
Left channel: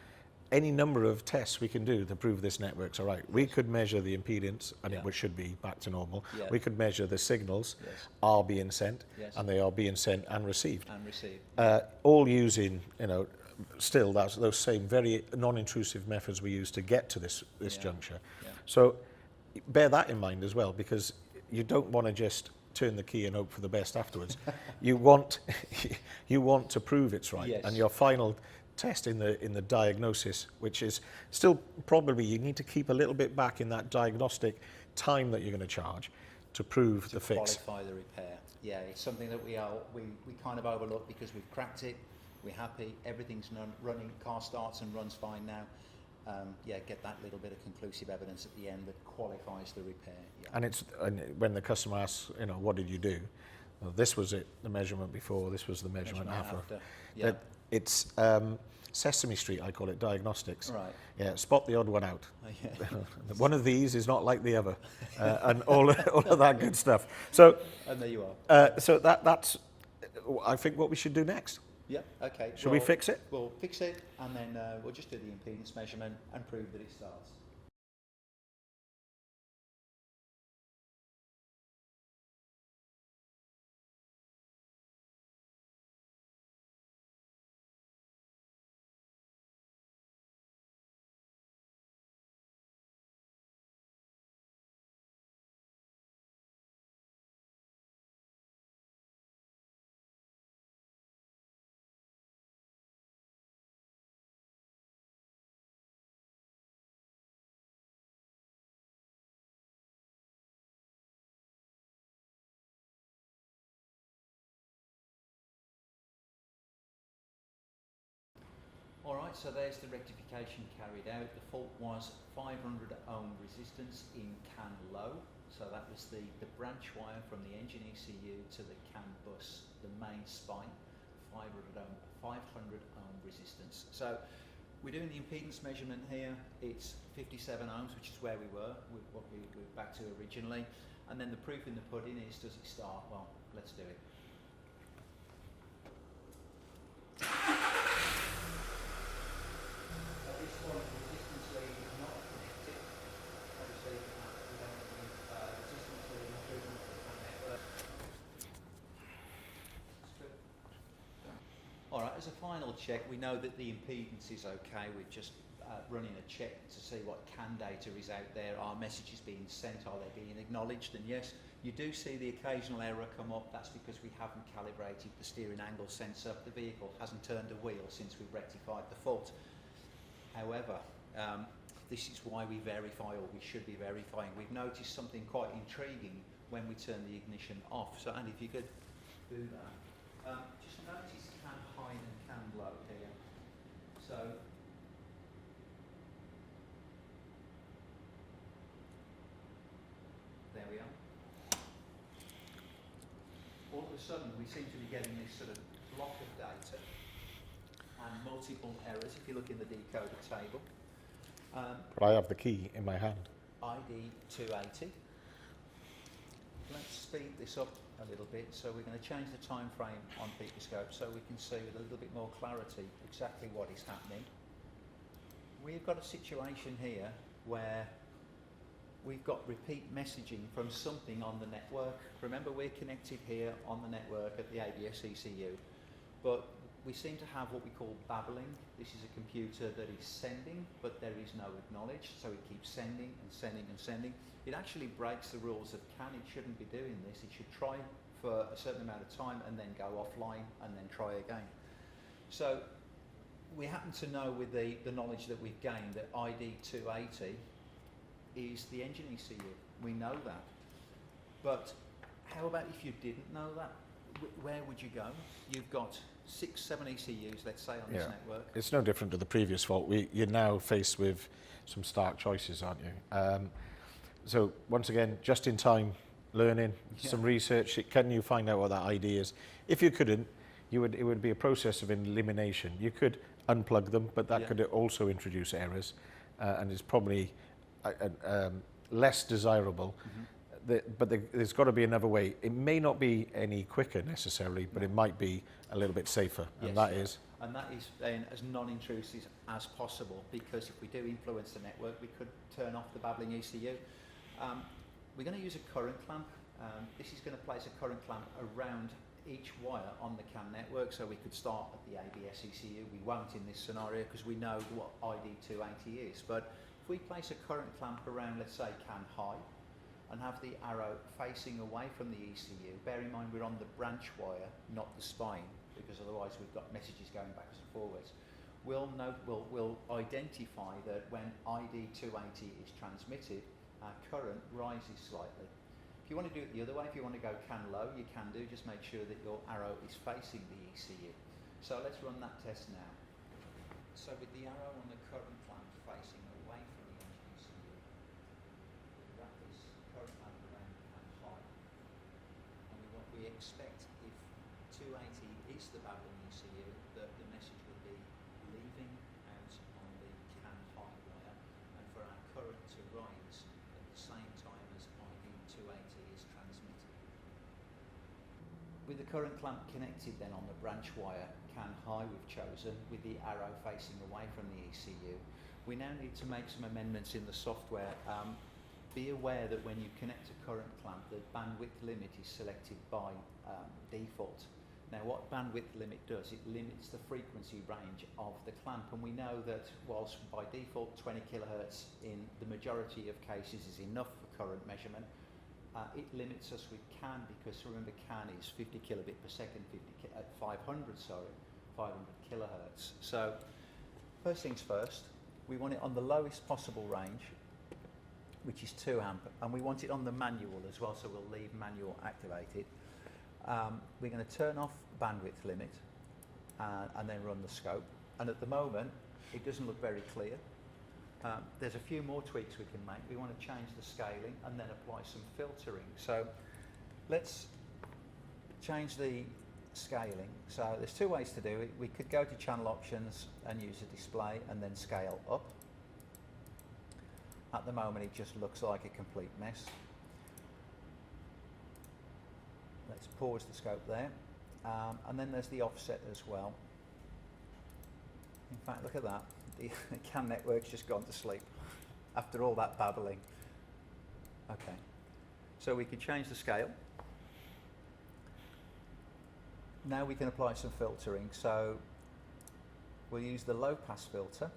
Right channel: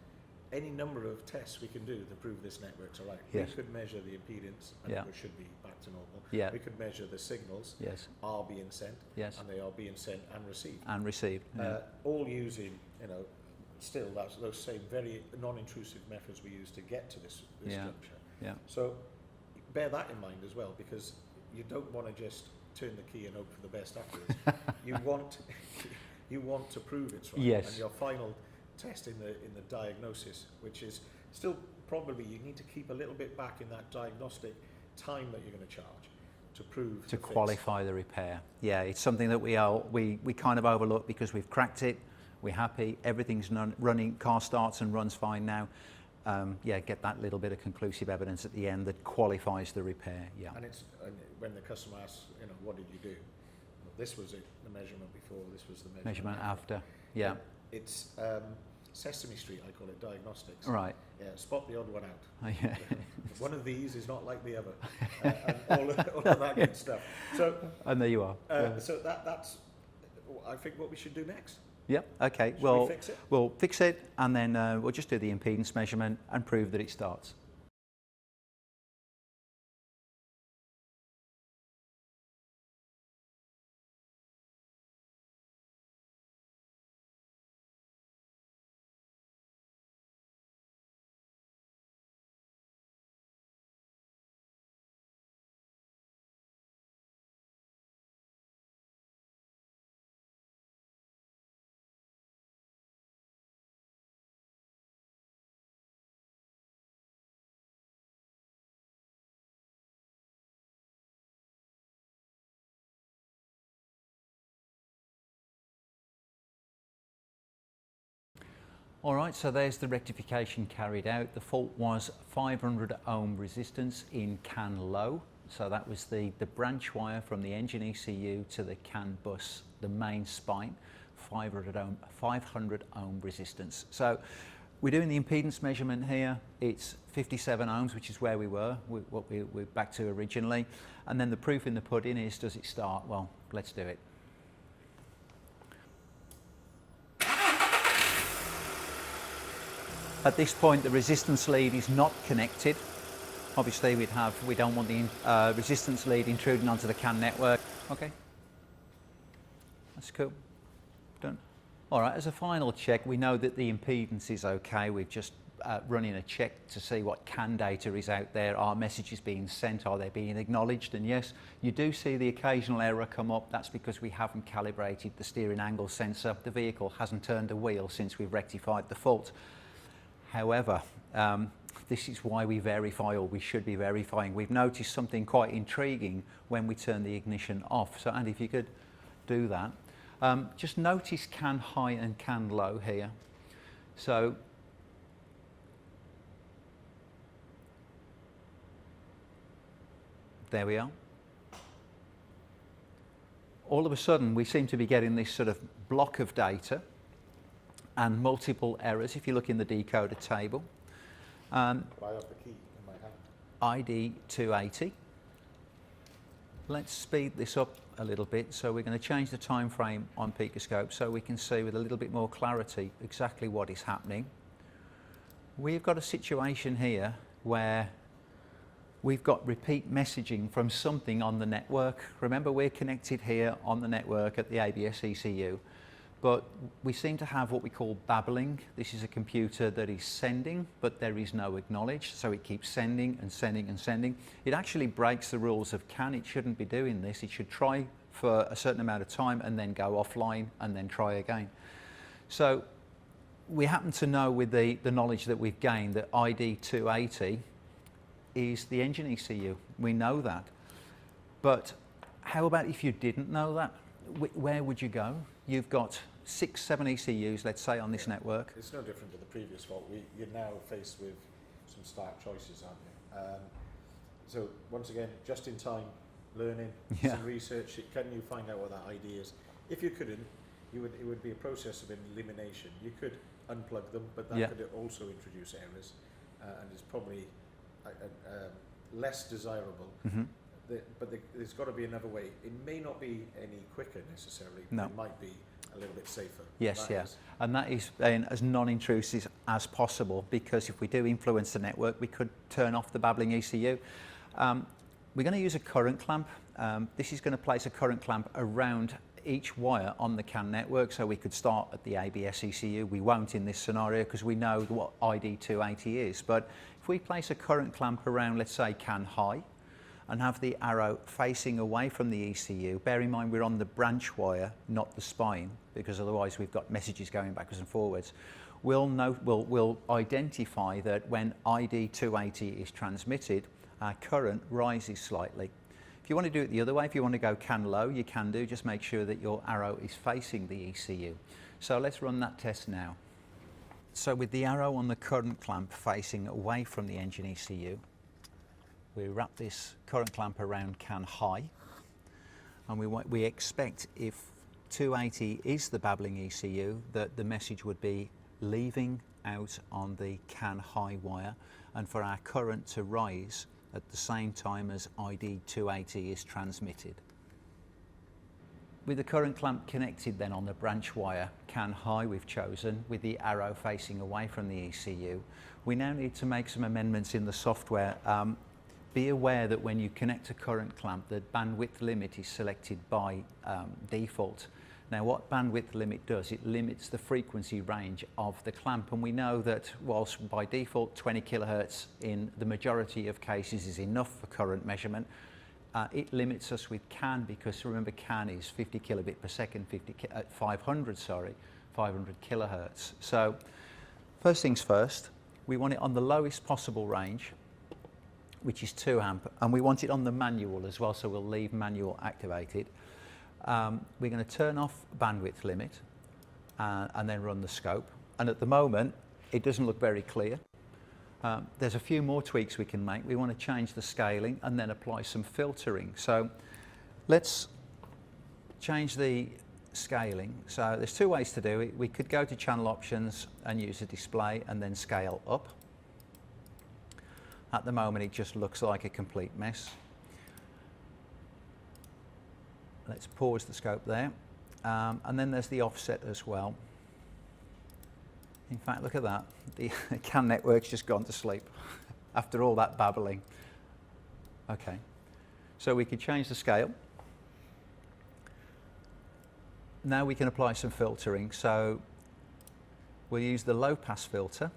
any number of tests we can do to prove this network's all right. Yes. We could measure the impedance, and it should be back to normal. Yeah. We could measure the signals are being sent, and they are being sent and received. All using, still those same very non-intrusive methods we use to get to this juncture. Yeah. So bear that in mind as well, because you don't want to just turn the key and hope for the best afterwards. you want to prove it's right. Yes. And your final test in the diagnosis, which is still probably, you need to keep a little bit back in that diagnostic time that you're going to charge to prove the fix. To qualify the repair. Yeah, it's something that we kind of overlook because we've cracked it, we're happy, everything's running, car starts and runs fine now. Get that little bit of conclusive evidence at the end that qualifies the repair. Yeah. And when the customer asks, what did you do? Well, this was it, the measurement before, this was the measurement after. Yeah. It's Sesame Street, I call it, Diagnostics. Right. Yeah, spot the odd one out. Yeah. One of these is not like the other, and all of that good stuff. So, and there you are. So that's, I think, what we should do next. Yep. Okay. Should we fix it? We'll fix it, and then we'll just do the impedance measurement and prove that it starts. All right, so there's the rectification carried out. The fault was 500 ohm resistance in CAN low. So that was the branch wire from the engine ECU to the CAN bus, the main spine, 500 ohm resistance. So we're doing the impedance measurement here. It's 57 ohms, which is where we were, what we're back to originally. And then the proof in the pudding is, does it start? Well, let's do it. At this point, the resistance lead is not connected. Obviously, we don't want the resistance lead intruding onto the CAN network. Okay, that's cool. Done. All right, as a final check, we know that the impedance is okay. We're just running a check to see what CAN data is out there. Are messages being sent? Are they being acknowledged? And yes, you do see the occasional error come up. That's because we haven't calibrated the steering angle sensor. The vehicle hasn't turned a wheel since we've rectified the fault. However, this is why we verify, or we should be verifying. We've noticed something quite intriguing when we turn the ignition off. So, Andy, if you could do that. Just notice CAN high and CAN low here. So, there we are. All of a sudden, we seem to be getting this sort of block of data and multiple errors if you look in the decoder table. But I have the key in my hand. ID 280. Let's speed this up a little bit. So we're going to change the time frame on PicoScope so we can see with a little bit more clarity exactly what is happening. We've got a situation here where we've got repeat messaging from something on the network. Remember, we're connected here on the network at the ABS ECU. but we seem to have what we call babbling. This is a computer that is sending, but there is no acknowledge, so it keeps sending and sending and sending. It actually breaks the rules of CAN. It shouldn't be doing this. It should try for a certain amount of time and then go offline and then try again. So we happen to know with the knowledge that we've gained that ID 280 is the engine ECU. We know that. But how about if you didn't know that? Where would you go? You've got 6, 7 ECUs, let's say, on this network. It's no different to the previous fault. You're now faced with some stark choices, aren't you? So once again, just in time learning, some research. Can you find out what that ID is? If you couldn't, it would be a process of elimination. You could unplug them, but that could also introduce errors, and it's probably less desirable. But there's got to be another way. It may not be any quicker necessarily, but it might be a little bit safer. Yes, and that is as non-intrusive as possible, because if we do influence the network, we could turn off the babbling ECU. We're going to use a current clamp. This is going to place a current clamp around each wire on the CAN network, so we could start at the ABS ECU. We won't in this scenario because we know what ID 280 is, but if we place a current clamp around, let's say, CAN high, and have the arrow facing away from the ECU, bear in mind we're on the branch wire, not the spine, because otherwise we've got messages going backwards and forwards. We'll identify that when ID 280 is transmitted, our current rises slightly. If you want to do it the other way, if you want to go CAN low, you can do. Just make sure that your arrow is facing the ECU. So let's run that test now. So with the arrow on the current clamp facing away from the engine ECU, we wrap this current clamp around CAN high, and we expect, if 280 is the babbling ECU, that the message would be leaving out on the CAN high wire, and for our current to rise at the same time as ID 280 is transmitted. With the current clamp connected then on the branch wire, CAN high we've chosen, with the arrow facing away from the ECU, we now need to make some amendments in the software. Be aware that when you connect a current clamp, the bandwidth limit is selected by default. Now what bandwidth limit does, it limits the frequency range of the clamp, and we know that whilst by default 20 kilohertz in the majority of cases is enough for current measurement, it limits us with CAN, because remember CAN is 50 kilobit per second, 500 kilohertz. So first things first, we want it on the lowest possible range, which is 2 amp, and we want it on the manual as well, so we'll leave manual activated. We're going to turn off bandwidth limit and then run the scope, and at the moment it doesn't look very clear. There's a few more tweaks we can make. We want to change the scaling and then apply some filtering. So let's change the scaling. So there's 2 ways to do it. We could go to channel options and use a display and then scale up. At the moment it just looks like a complete mess. Let's pause the scope there. And then there's the offset as well. In fact, look at that. The CAN network's just gone to sleep after all that babbling. Okay, so we could change the scale. Now we can apply some filtering. So we'll use the low pass filter.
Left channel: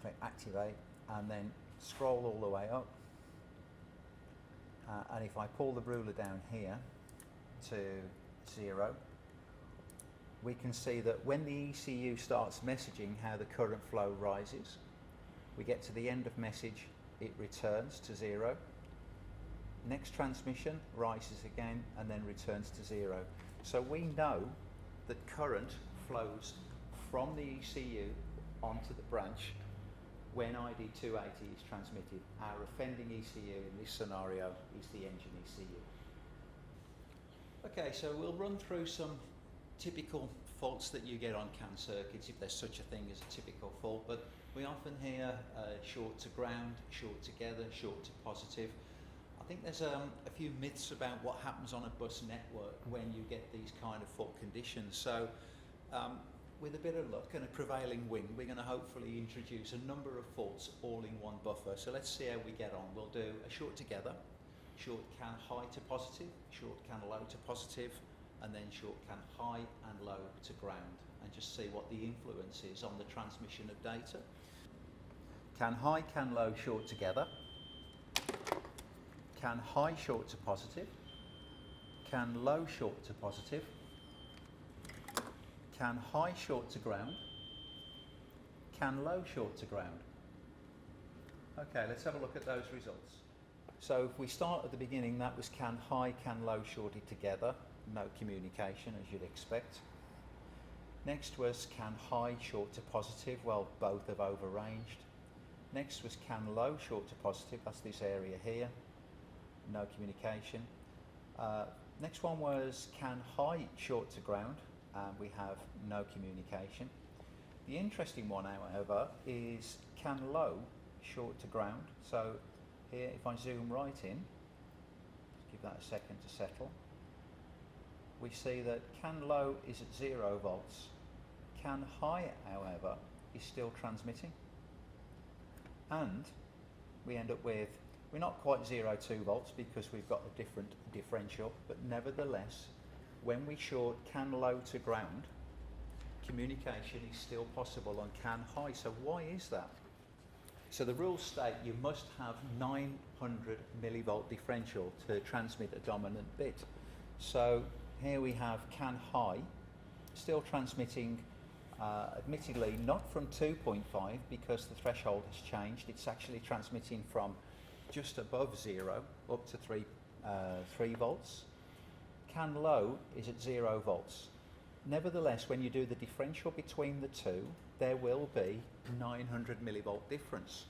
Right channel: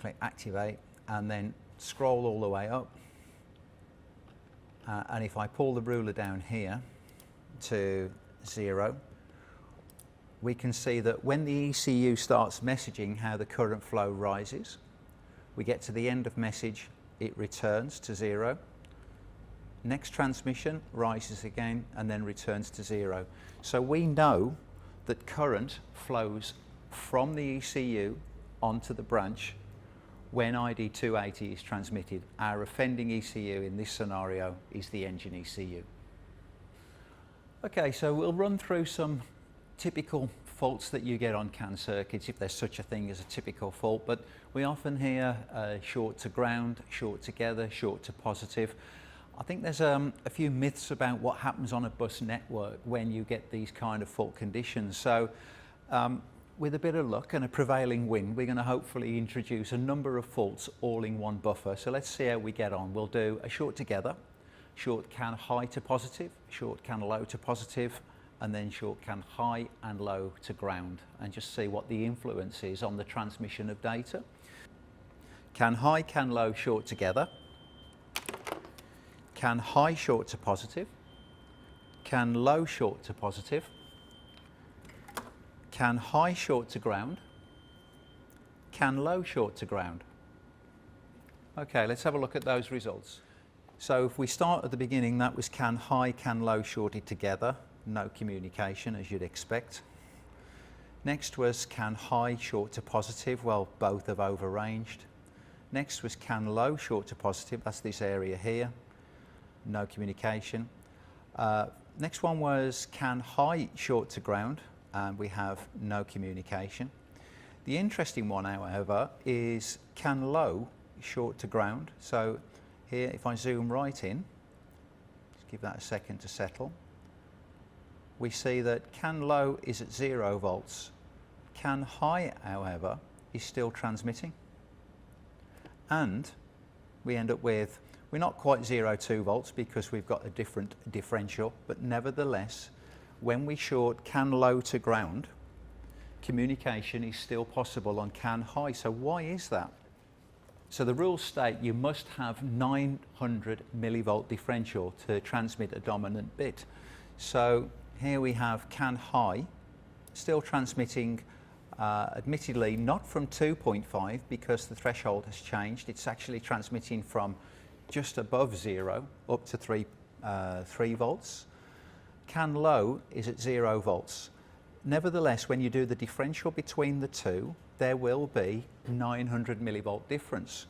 Click activate and then scroll all the way up. And if I pull the ruler down here to 0, we can see that when the ECU starts messaging how the current flow rises, we get to the end of message, it returns to 0. Next transmission rises again and then returns to 0. So we know that current flows from the ECU onto the branch when ID 280 is transmitted. Our offending ECU in this scenario is the engine ECU. Okay, so we'll run through some typical faults that you get on CAN circuits, if there's such a thing as a typical fault, but we often hear short to ground, short together, short to positive. I think there's a few myths about what happens on a bus network when you get these kind of fault conditions. So with a bit of luck and a prevailing wind, we're going to hopefully introduce a number of faults all in one buffer. So let's see how we get on. We'll do a short together, short CAN high to positive, short CAN low to positive, and then short CAN high and low to ground, and just see what the influence is on the transmission of data. CAN high, CAN low short together, CAN high short to positive, CAN low short to positive, CAN high short to ground, CAN low short to ground. Okay, let's have a look at those results. So if we start at the beginning, that was CAN high, CAN low shorted together, no communication as you'd expect. Next was CAN high short to positive, well, both have overranged. Next was CAN low short to positive, that's this area here, no communication. Next one was CAN high short to ground, and we have no communication. The interesting one, however, is CAN low short to ground. So here, if I zoom right in, just give that a second to settle, we see that CAN low is at 0 volts. CAN high, however, is still transmitting. And we end up with, we're not quite 0.2 volts because we've got a different differential, but nevertheless, when we short CAN low to ground, communication is still possible on CAN high. So why is that? So the rules state you must have 900 millivolt differential to transmit a dominant bit. So here we have CAN high, still transmitting, admittedly not from 2.5 because the threshold has changed. It's actually transmitting from just above 0 up to 3 volts. CAN low is at 0 volts. Nevertheless, when you do the differential between the two, there will be 900 millivolt difference.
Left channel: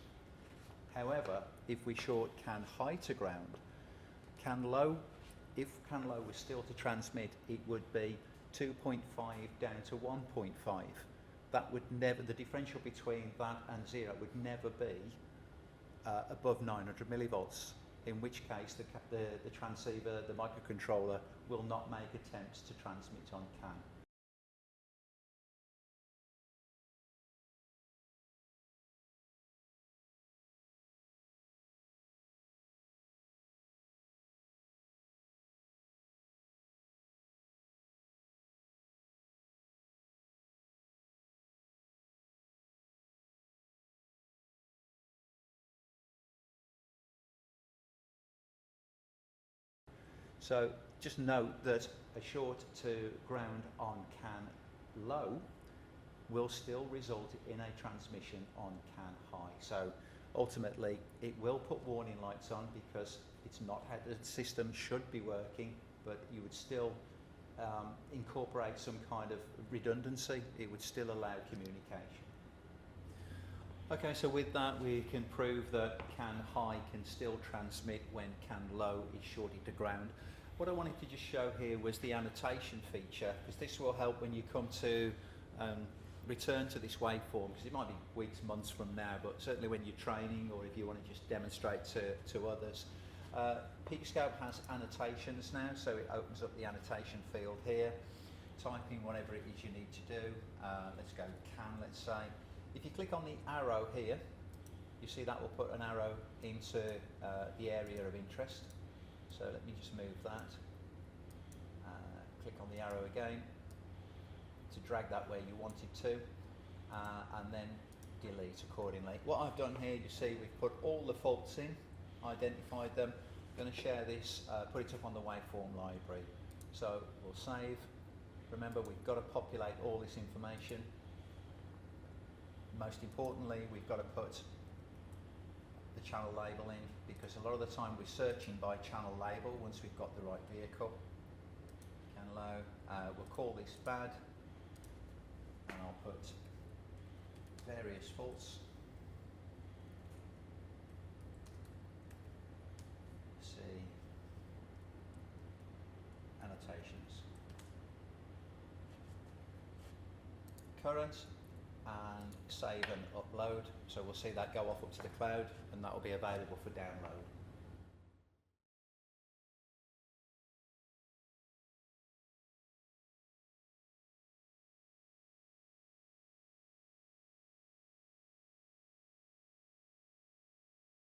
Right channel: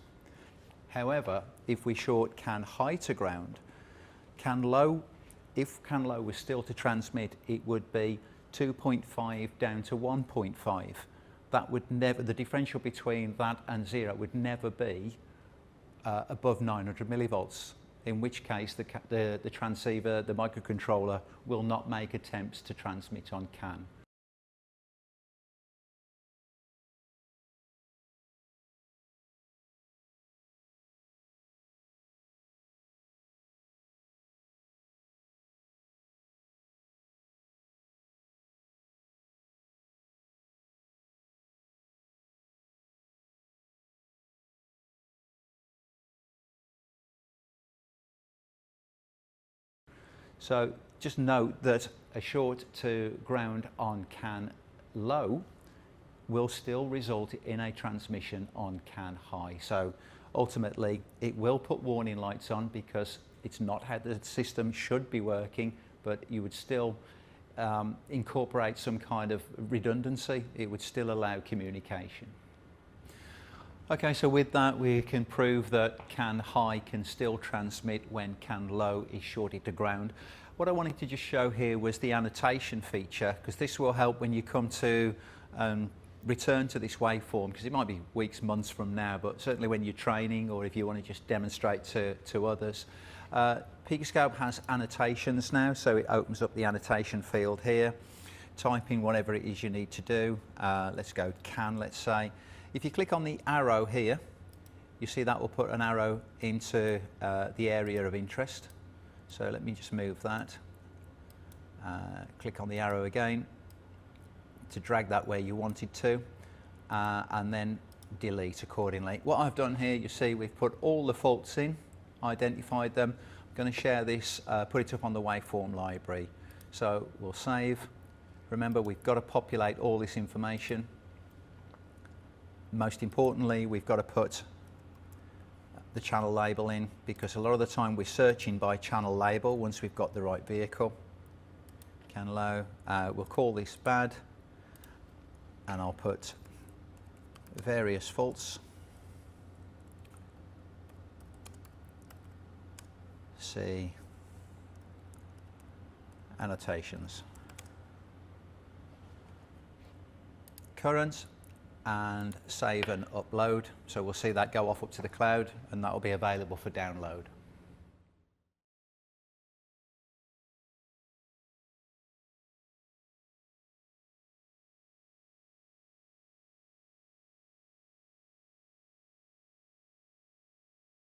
However, if we short CAN high to ground, CAN low, if CAN low was still to transmit, it would be 2.5 down to 1.5. That would never, the differential between that and 0 would never be above 900 millivolts, in which case the transceiver, the microcontroller, will not make attempts to transmit on CAN. So just note that a short to ground on CAN low will still result in a transmission on CAN high. So ultimately it will put warning lights on because it's not how the system should be working, but you would still incorporate some kind of redundancy. It would still allow communication. Okay, so with that we can prove that CAN high can still transmit when CAN low is shorted to ground. What I wanted to just show here was the annotation feature, because this will help when you come to return to this waveform, because it might be weeks, months from now, but certainly when you're training or if you want to just demonstrate to others. PicoScope has annotations now, so it opens up the annotation field here. Type in whatever it is you need to do. Let's go CAN, let's say. If you click on the arrow here, you see that will put an arrow into the area of interest. So let me just move that. Click on the arrow again to drag that where you want it to, and then delete accordingly. What I've done here, you see we've put all the faults in, identified them. I'm going to share this, put it up on the waveform library. So we'll save. Remember, we've got to populate all this information. Most importantly, we've got to put the channel label in, because a lot of the time we're searching by channel label once we've got the right vehicle. CAN low, we'll call this bad, and I'll put various faults. See annotations. Current, and save and upload. So we'll see that go off up to the cloud, and that will be available for download.